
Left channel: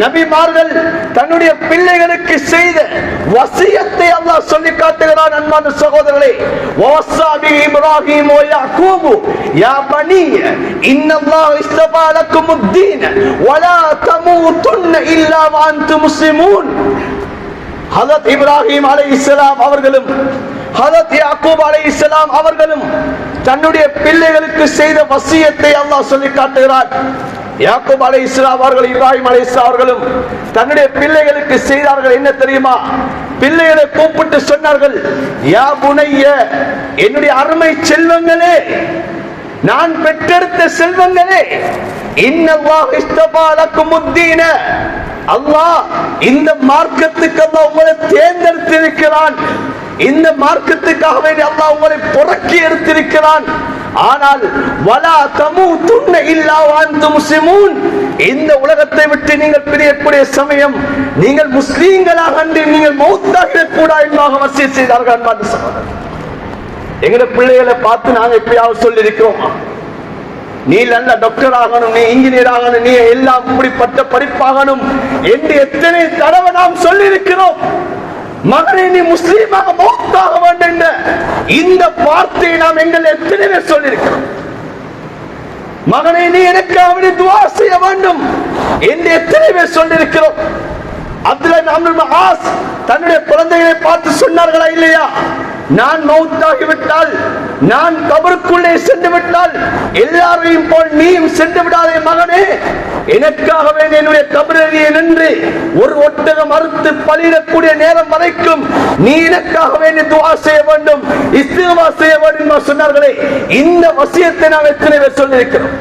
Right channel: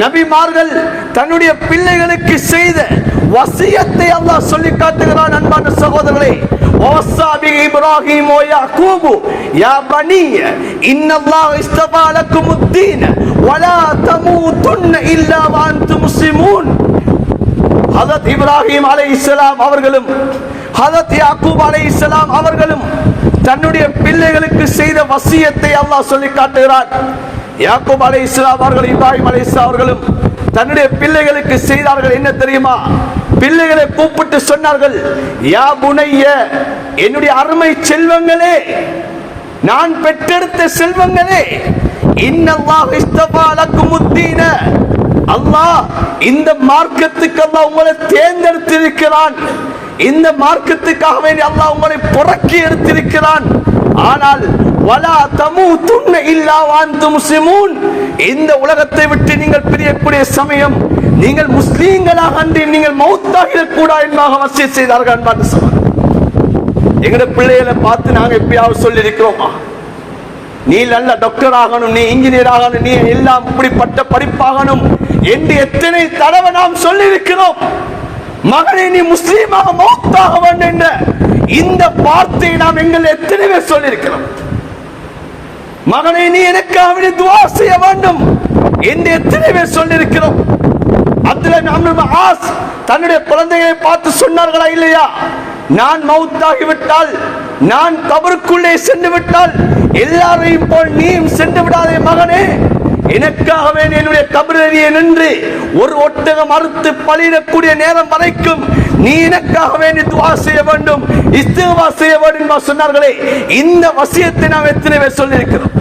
நபிமார்கள் தன்னுடைய பிள்ளைகளுக்கு செய்த வசியத்தை அல்லாஹ் சொல்லி காட்டுகிறான். அன்பான சகோதரர்களே, வஸாபி இப்ராஹீம் வ யாக்கூப் யா பனி இன்னல்லாஹ் இஸ்தபா லக்குமுத்தீன் வ லா தமூதுன்ன இல்லா வ அன்தும் முஸ்லிமூன். ஹஜ்ரத் இப்ராஹீம் அலைஹிஸ்ஸலாம் அவர்களும் ஹஜ்ரத் யாக்கூப் அலைஹிஸ்ஸலாம் அவர்களும் தன்னுடைய பிள்ளைகளுக்கு செய்த வசியத்தை அல்லாஹ் சொல்லி காட்டுகிறார். யாக்கூப் அலைஹிஸ்ஸலாம் அவர்கள் இப்ராஹீம் அலைஹிஸ்ஸலாம் அவர்களும் தன்னுடைய பிள்ளைகளுக்கு செய்தார்கள் என்ன தெரியுமா? பிள்ளைகளை கூப்பிட்டு சொன்னார்கள், யா புனைய, என்னுடைய அருமை செல்வங்களே, நான் பெற்றெடுத்த செல்வங்களே, இன்னல்லாஹ் இஸ்தபா லக்குமுத்தீன, அல்லாஹ் இந்த மார்க்கத்துக்கு அல்லாஹ் உங்களை தேர்ந்தெடுத்திருக்கிறான், இந்த மார்க்கத்துக்காக வேண்டி அல்லாஹ் உங்களை புறக்கி எடுத்திருக்கிறான். ஆனால் வலா தமூதுன்ன இல்லா வ அன்தும் முஸ்லிமூன், இந்த உலகத்தை விட்டு நீங்கள் பிரியக்கூடிய சமயம் நீங்கள் முஸ்லிம்களாக அன்றி நீங்கள் மௌத்தாகிட கூடாது என்பதாக வசியத் செய்தார்கள். அன்பான சகோதரர்களே, எங்கட பிள்ளைகளை பார்த்து நாங்க எப்பயாவது சொல்லி இருக்கிறோமா? நீ நல்ல டாக்டர் ஆகணும், நீ இன்ஜினியர் ஆகணும், நீ எல்லாம் இப்படிப்பட்ட படிப்பாகணும் என்று எத்தனை தடவை நாம் சொல்லி இருக்கிறோம். மகனை நீ முஸ்லீமாக மௌத்தாக வேண்டும் என்ற இந்த வார்த்தையை நாம் எங்கள் எத்தனை பேர் சொல்லி இருக்கிறோம். மகனை நீ எனக்காக துஆ செய்ய வேண்டும் என்று எத்தனை பேர் சொல்லி இருக்கிறோம். தன்னுடைய குழந்தைகளை பார்த்து சொன்னார்களா இல்லையா? நான் மௌத்தாகிவிட்டால், நான் கபருக்குள்ளே சென்று விட்டால் எல்லாரையும் போல் நீயும் சென்று விடாதே மகனே, எனக்காக வேண்டிய என்னுடைய கபரிலே நின்று ஒரு ஒட்டகம் அறுத்து பலியிடக்கூடிய நேரம் வரைக்கும் நீ எனக்காக வேண்டிய துஆ செய்ய வேண்டும், இஸ்திக்ஃபார் செய்ய வேண்டும் சொன்னார்களே. இந்த வசியத்தை நாம் எத்தனை பேர் சொல்லி இருக்கிறோம்?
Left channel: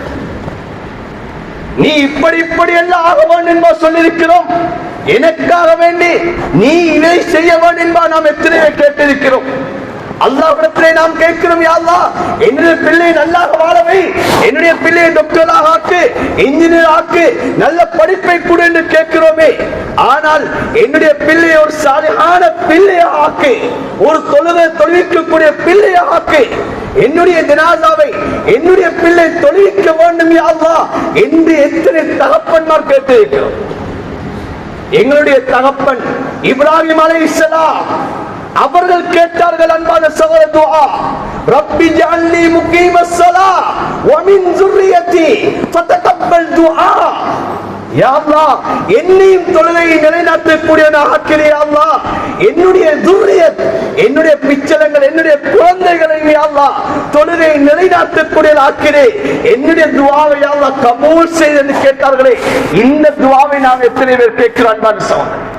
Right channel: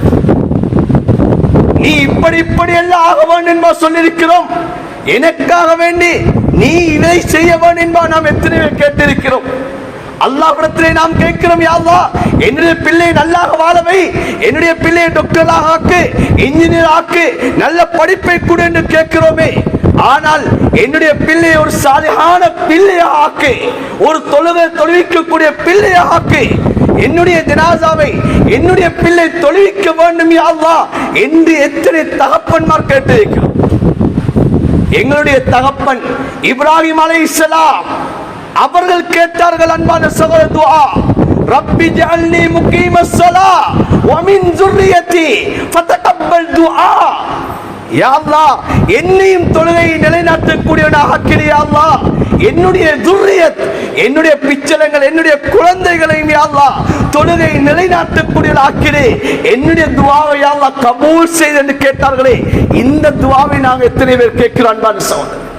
நீ இப்படி எல்லாம் ஆக வேண்டும் என்பா சொல்லி இருக்கிறோம். எனக்காக வேண்டி நீ இதை செய்ய வேண்டும் என்பா நாம் எத்தனை பேர் கேட்டிருக்கிறோம்? அல்லாஹ்விடத்திலே நாம் கேட்கிறோம், யா அல்லாஹ் என்னுடைய பிள்ளையை நல்லாக வாழவை, என்னுடைய பிள்ளையை டாக்டராக ஆக்கு, இன்ஜினியர் ஆக்கு, நல்ல படிப்பை கொடு என்று கேட்கிறோமே. ஆனால் என்னுடைய பிள்ளையை ஒரு சாலிஹான பிள்ளையாக ஆக்கு, ஒரு தொழுவிக்கக்கூடிய பிள்ளையாக ஆக்கு, என்னுடைய ஜனாசாவை என்னுடைய பிள்ளை தொழுவிக்க வேண்டும் யா அல்லாஹ் என்று எத்தனை தகப்பன்மார் கேட்டிருக்கிறோம். எங்களுடைய தகப்பன் இப்ராஹிம் அலைஹிஸ்ஸலாம் அவர்கள் கேட்டார்கள். அன்பான சகோதர துஆ, ரப்பி ஜஅல்னி முகீமஸ் ஸலாஹ் வ மின் ذُرِّيَّتِي ஃபதகப்பல் துஆ. யா அல்லாஹ் என்னையும் தொழுகையை நிலைநாட்டக்கூடியவனாக ஆக்கிறியா அல்லாஹ், என்னுடைய ذُرِّيَத் என்னுடைய பிச்சலங்கள் என்னுடைய குழந்தைகளை யா அல்லாஹ் தொழுகை நிலைநாட்டக்கூடிய ஆக்கினே என்னுடைய துஆவை யா அல்லாஹ் கபூல் செய் என்று கேட்டார்களே, இந்த துஆவை நாம் எத்தனை பேர் கேட்கிறோம் அன்பான சகோதரர்களே?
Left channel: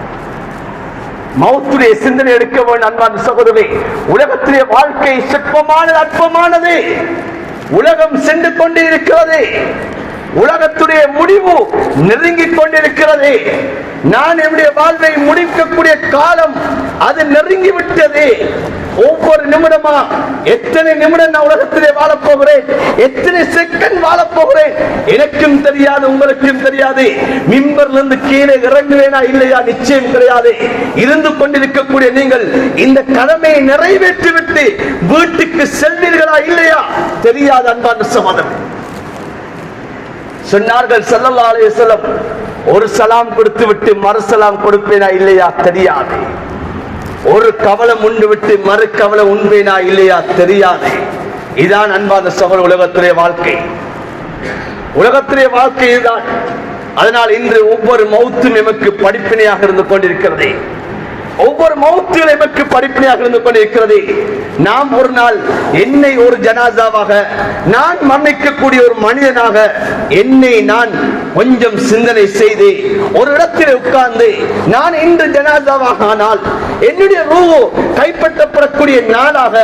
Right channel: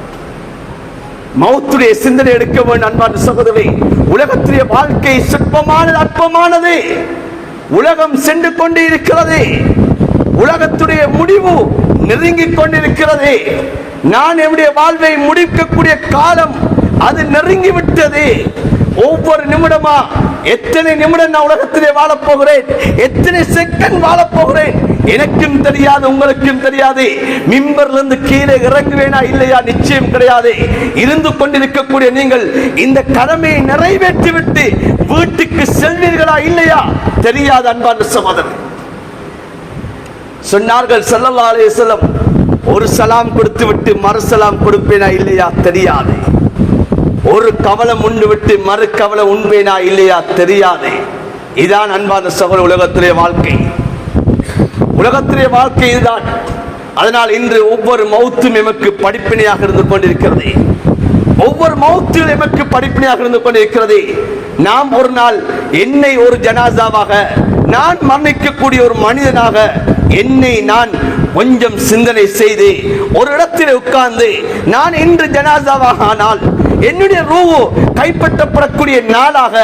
மௌத்துடைய சிந்தனை எடுக்க வேண்டும் அன்பான சகோதரர்களே. உலகத்திலே வாழ்க்கை சிற்பமானது, அற்பமானது. உலகம் சென்று கொண்டே இருக்கிறது. உலகத்துடைய முடிவு நெருங்கிக் கொண்டிருக்கிறது. நான் என்னுடைய வாழ்வை முடிக்கக்கூடிய காலம் அது நெருங்கிவிட்டது. ஒவ்வொரு நிமிடமா எத்தனை நிமிடம் நான் உலகத்திலே வாழப் போகிறேன், எத்தனை செகண்ட் வாழப் போகிறேன் எனக்கும் தெரியாது, உங்களுக்கும் தெரியாது. மிம்பர்ல இருந்து கீழே இறங்குவேனா இல்லையா நிச்சயம் கிடையாது. இருந்து கொண்டிருக்கக்கூடிய நீங்கள் இந்த கடமையை நிறைவேற்றிவிட்டு வீட்டுக்கு செல்வீர்களா இல்லையா தெரியாது அன்பான சகோதரர்களே. சொன்னார்கள் ஸல்லல்லாஹு அலைஹி வஸல்லம், ஒரு சலாம் கொடுத்து விட்டு மறு சலாம் கொடுப்பேனா இல்லையா தெரியாது. ஒரு கவலம் உண்டு விட்டு மறு கவலம் உண்பேனா இல்லையா தெரியாது. இதான் அன்பான சகோதரர் உலகத்திலே வாழ்க்கை. உலகத்திலே வாழ்க்கை இதுதான். அதனால் இன்று ஒவ்வொரு மௌத்தும் எமக்கு படிப்பினையாக இருந்து கொண்டிருக்கிறது. ஒவ்வொரு மௌத்திலும் எமக்கு படிப்பினையாக இருந்து கொண்டிருக்கிறது. நாம் ஒரு நாள் என்னை ஒரு ஜனாசாவாக, நான் மன்னிக்கக்கூடிய ஒரு மனிதனாக என்னை நான் கொஞ்சம் சிந்தனை செய்து ஒரு இடத்தில் உட்கார்ந்து நான் இன்று ஜனாசாவாக ஆனால் என்னுடைய ரூஹ் கைப்பற்றப்படக்கூடிய நாளாக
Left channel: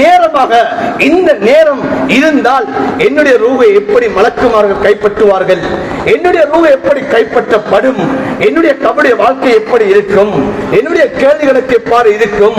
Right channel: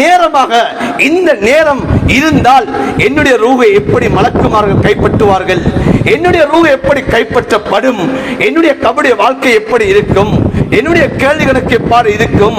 நேரமாக இந்த நேரம் இருந்தால் என்னுடைய ரூஹை எப்படி மலக்குமார்கள் கைப்பற்றுவார்கள், என்னுடைய ரூஹ் எப்படி கைப்பற்றப்படும், என்னுடைய கபடி வாழ்க்கை எப்படி இருக்கும், என்னுடைய கேள்விகளுக்கு எவ்வாறு இருக்கும்,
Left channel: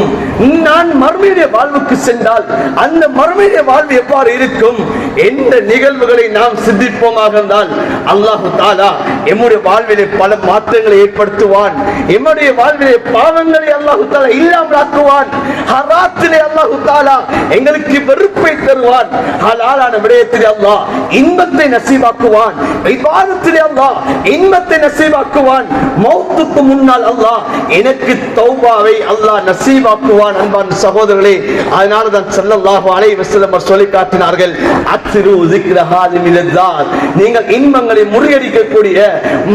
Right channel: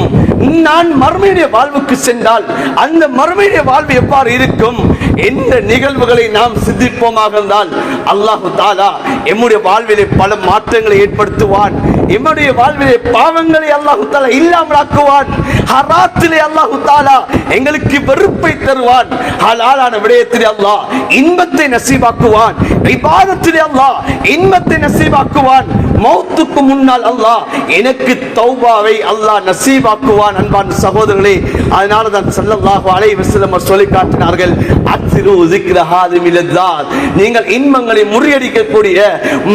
நான் மறுமையுடைய வாழ்வுக்கு சென்றால் அந்த மறுமையுடைய வாழ்வு எவ்வாறு இருக்கும் என்ற நிகழ்வுகளை நாம் சிந்திப்போமாக இருந்தால் அல்லாஹ் தஆலா எம்முடைய வாழ்விலே பல மாற்றங்களை ஏற்படுத்துவான். எம்முடைய வாழ்விலே பாவங்களை அல்லாஹ் தஆலா இல்லாமலாக்குவான். ஹராத்திலே அல்லாஹ் தஆலா எங்களுக்கு வெறுப்பை தருவான். ஹலாலான விடயத்திலே அல்லாஹ் இன்பத்தை நசீபாக்குவான். இபாதத்திலே அல்லாஹ் இன்பத்தை நசீபாக்குவான். மௌத்துக்கு முன்னால் அல்லாஹ் எனக்கு தௌபாவை அல்லாஹ் நசீபாக்குவான். அன்பான சகோதரர்களே, அதனால தான் ஸல்லல்லாஹு அலைஹி வஸல்லம் சொல்லி காட்டினார்கள், அத்ரு ذிக்ர ஹாதிமில் லذாத், நீங்கள் இன்பங்களை முறியடிக்கக்கூடிய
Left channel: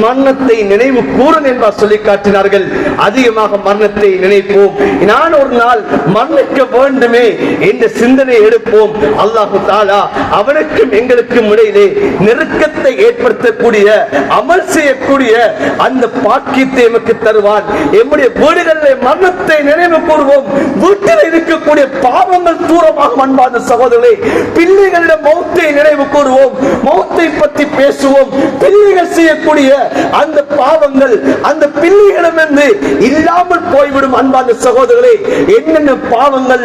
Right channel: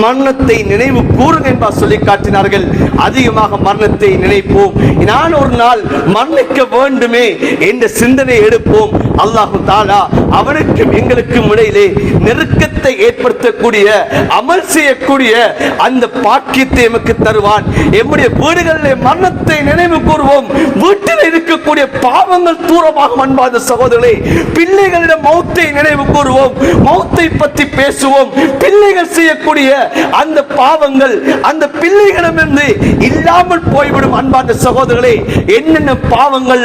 மரணத்தை நினைவு கூறுங்கள் என்று சொல்லி காட்டினார்கள். அதிகமாக மரணத்தை நினைப்போம். நான் ஒரு நாள் மரணிக்க வேண்டுமே என்ற சிந்தனை எடுப்போம். அல்லாஹ் தஆலா அவனுக்கும் எங்களுக்கும் இடையிலே நெருக்கத்தை ஏற்படுத்தக்கூடிய அமல் செய்யக்கூடிய அந்த பாக்கியத்தை எமக்கு தருவான். எம்முடைய வீடுகளிலே மரணத்தை நினைவு கூறுவோம். வீட்டில் இருக்கக்கூடிய பாவங்கள் தூரமாக அன்பான சகோதரர்களே, பிள்ளைகளிடம் மௌத்தை நினைவு கூறுவோம். மௌத்தை பற்றி பேசுவோம். பிள்ளைகள் செய்யக்கூடிய அந்த பாவங்கள் அந்த பிள்ளைகளிடமிருந்து இல்லாமல் போய்விடும். அன்பான சகோதரர்களே, என்னென்ன பாவங்கள்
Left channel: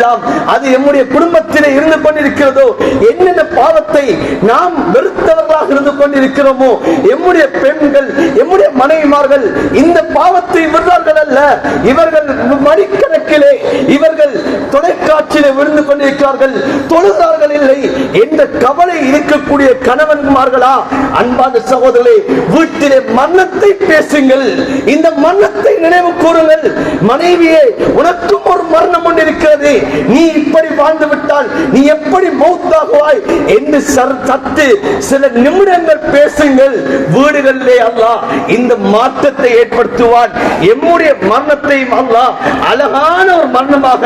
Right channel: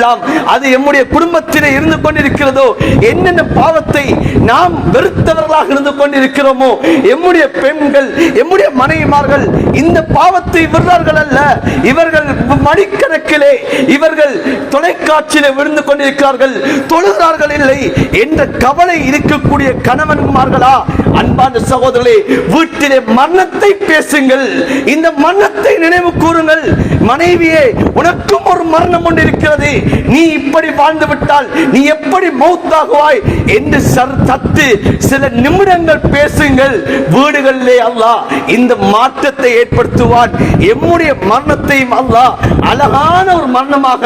அது எம்முடைய குடும்பத்திலே இருந்து கொண்டிருக்கிறதோ, என்னென்ன பாவத்தை நாம் வெறுத்தவர்களாக இருந்து கொண்டிருக்கிறோமோ, எம்முடைய பெண்கள் எம்முடைய மனைவிமார்கள் இந்த பாவத்தை விடுறார்கள் அல்ல, இவர்கள் மணிக்கணக்கிலே இவர்கள் தொலைக்காட்சியிலே விழுந்து கொண்டிருக்கிறார்கள், தொழுகிறார்கள் இல்லை என்ற கவலை இருக்கக்கூடிய கணவன்மார்களா? அன்பான சகோதரர்களே, வீட்டிலே மரணத்தை பேசுங்கள். இந்த மரணத்தை நினைவு கூறுங்கள். மனைவியே, உனக்கும் ஒரு மரணம் ஒன்று இருக்கிறது. நீ இப்படி வாழ்ந்து விட்டால் நீ எப்படி மௌத்தாகுவாய் என்று சத்து சில நிமிடங்கள் பேசுங்கள். வீடுகளிலே அல்லாஹ் இந்த மாற்றத்தை ஏற்படுத்துவான். எம்முடைய மரணத்தையும் அல்லாஹ் அழகான ஒரு மரணமாக,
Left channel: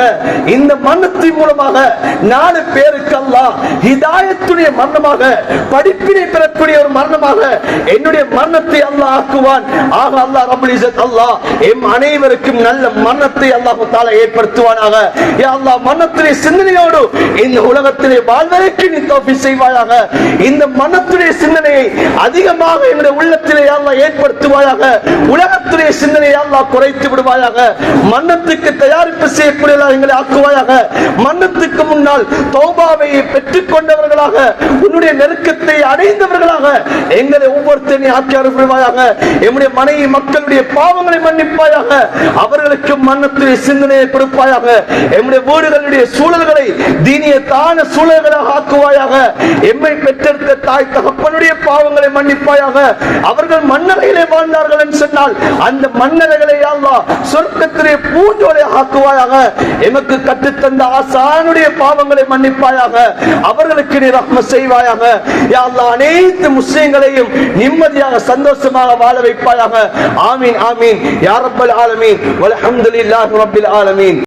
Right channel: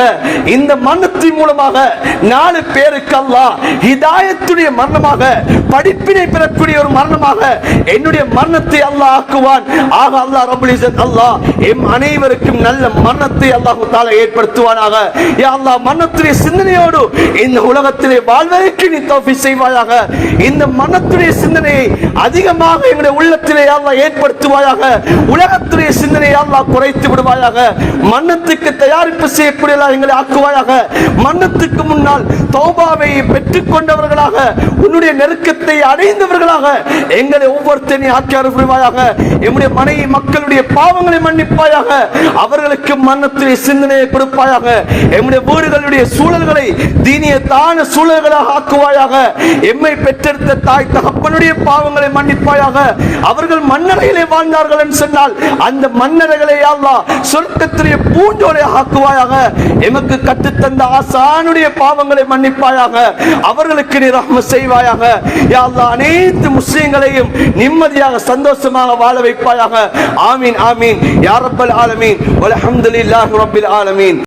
இந்த மரணத்தின் மூலமாக 4 பேருக்கு அல்லாஹ் ஹிதாயத்துடைய மரணமாக, படிப்பினை பெறக்கூடிய ஒரு மரணமாக என்னுடைய மரணத்தை அல்லாஹ் ஆக்குவான். ஆக அல்லாஹ் ரப்பல் இஸ்ஸத் அல்லாஹ் எம் அனைவருக்கும் நல்ல மரணத்தை அல்லாஹ் தஆலா ஏற்படுத்துவானாக. யா அல்லாஹ், மரணத்துடைய சிந்தனையோடு இந்த உலகத்திலே வாழ்வதற்கு நீ தௌஃபீக் செய்வாயாக. இந்த மரணத்துடைய சிந்தனையை அதிகமாக எங்களுடைய உள்ளத்திலே யா அல்லாஹ் ஏற்படுத்துவாயாக. உலகத்துடைய சிந்தனையை அல்லாஹ் குறைத்து விடுவாயாக. மரணத்துக்கு தயாரிப்பு செய்யக்கூடிய எங்களை ஆக்குவாயாக. மரணத்துக்கு முன்னால் தௌபாவை பெற்றுக் கொண்டவர்களாக, உன்னுடைய நெருக்கத்தை அடைந்தவர்களாக எங்களை ஒவ்வொருத்தரையும் ஆக்கி அருள்வாயாக. எம்முடைய மனைவி மக்களுடைய பாவங்களை மன்னிப்பாயாக. அவர்களுக்கு மரணத்துடைய சிந்தனையை கொடுப்பாயாக. எம்முடைய வீடுகளுடைய சூழல்களை தீனியத்தான சூழல்களாக ஆக்குவாயாக. எம்மை பெற்றெடுத்த தாய் தகப்பனுடைய பாவங்களை மன்னிப்பாயாக. அவர்கள் மன்னரையிலே வாழ்ந்தார்கள் என்று சொன்னால் அந்த மன்னரைகளை அல்லாஹ் சொர்க்கத்திலே பூஞ்சோலை ஆக்குவாயாக. எமக்கு கற்றுத்தந்த ஆசானுடைய பாவங்களை மன்னிப்பாயாக. அவர்களுக்கு நீ ரஹ்மத் செய்வாயாக. யா அல்லாஹ், அனைத்து முஸ்லிம்களையும் நிம்மதியாக சந்தோஷமாக வாழ வைப்பாயாக. ஆமீன் ஆமீன் யா ரப்பல் ஆலமீன் வல்ஹம்துலில்லாஹி ரப்பில் ஆலமீன்.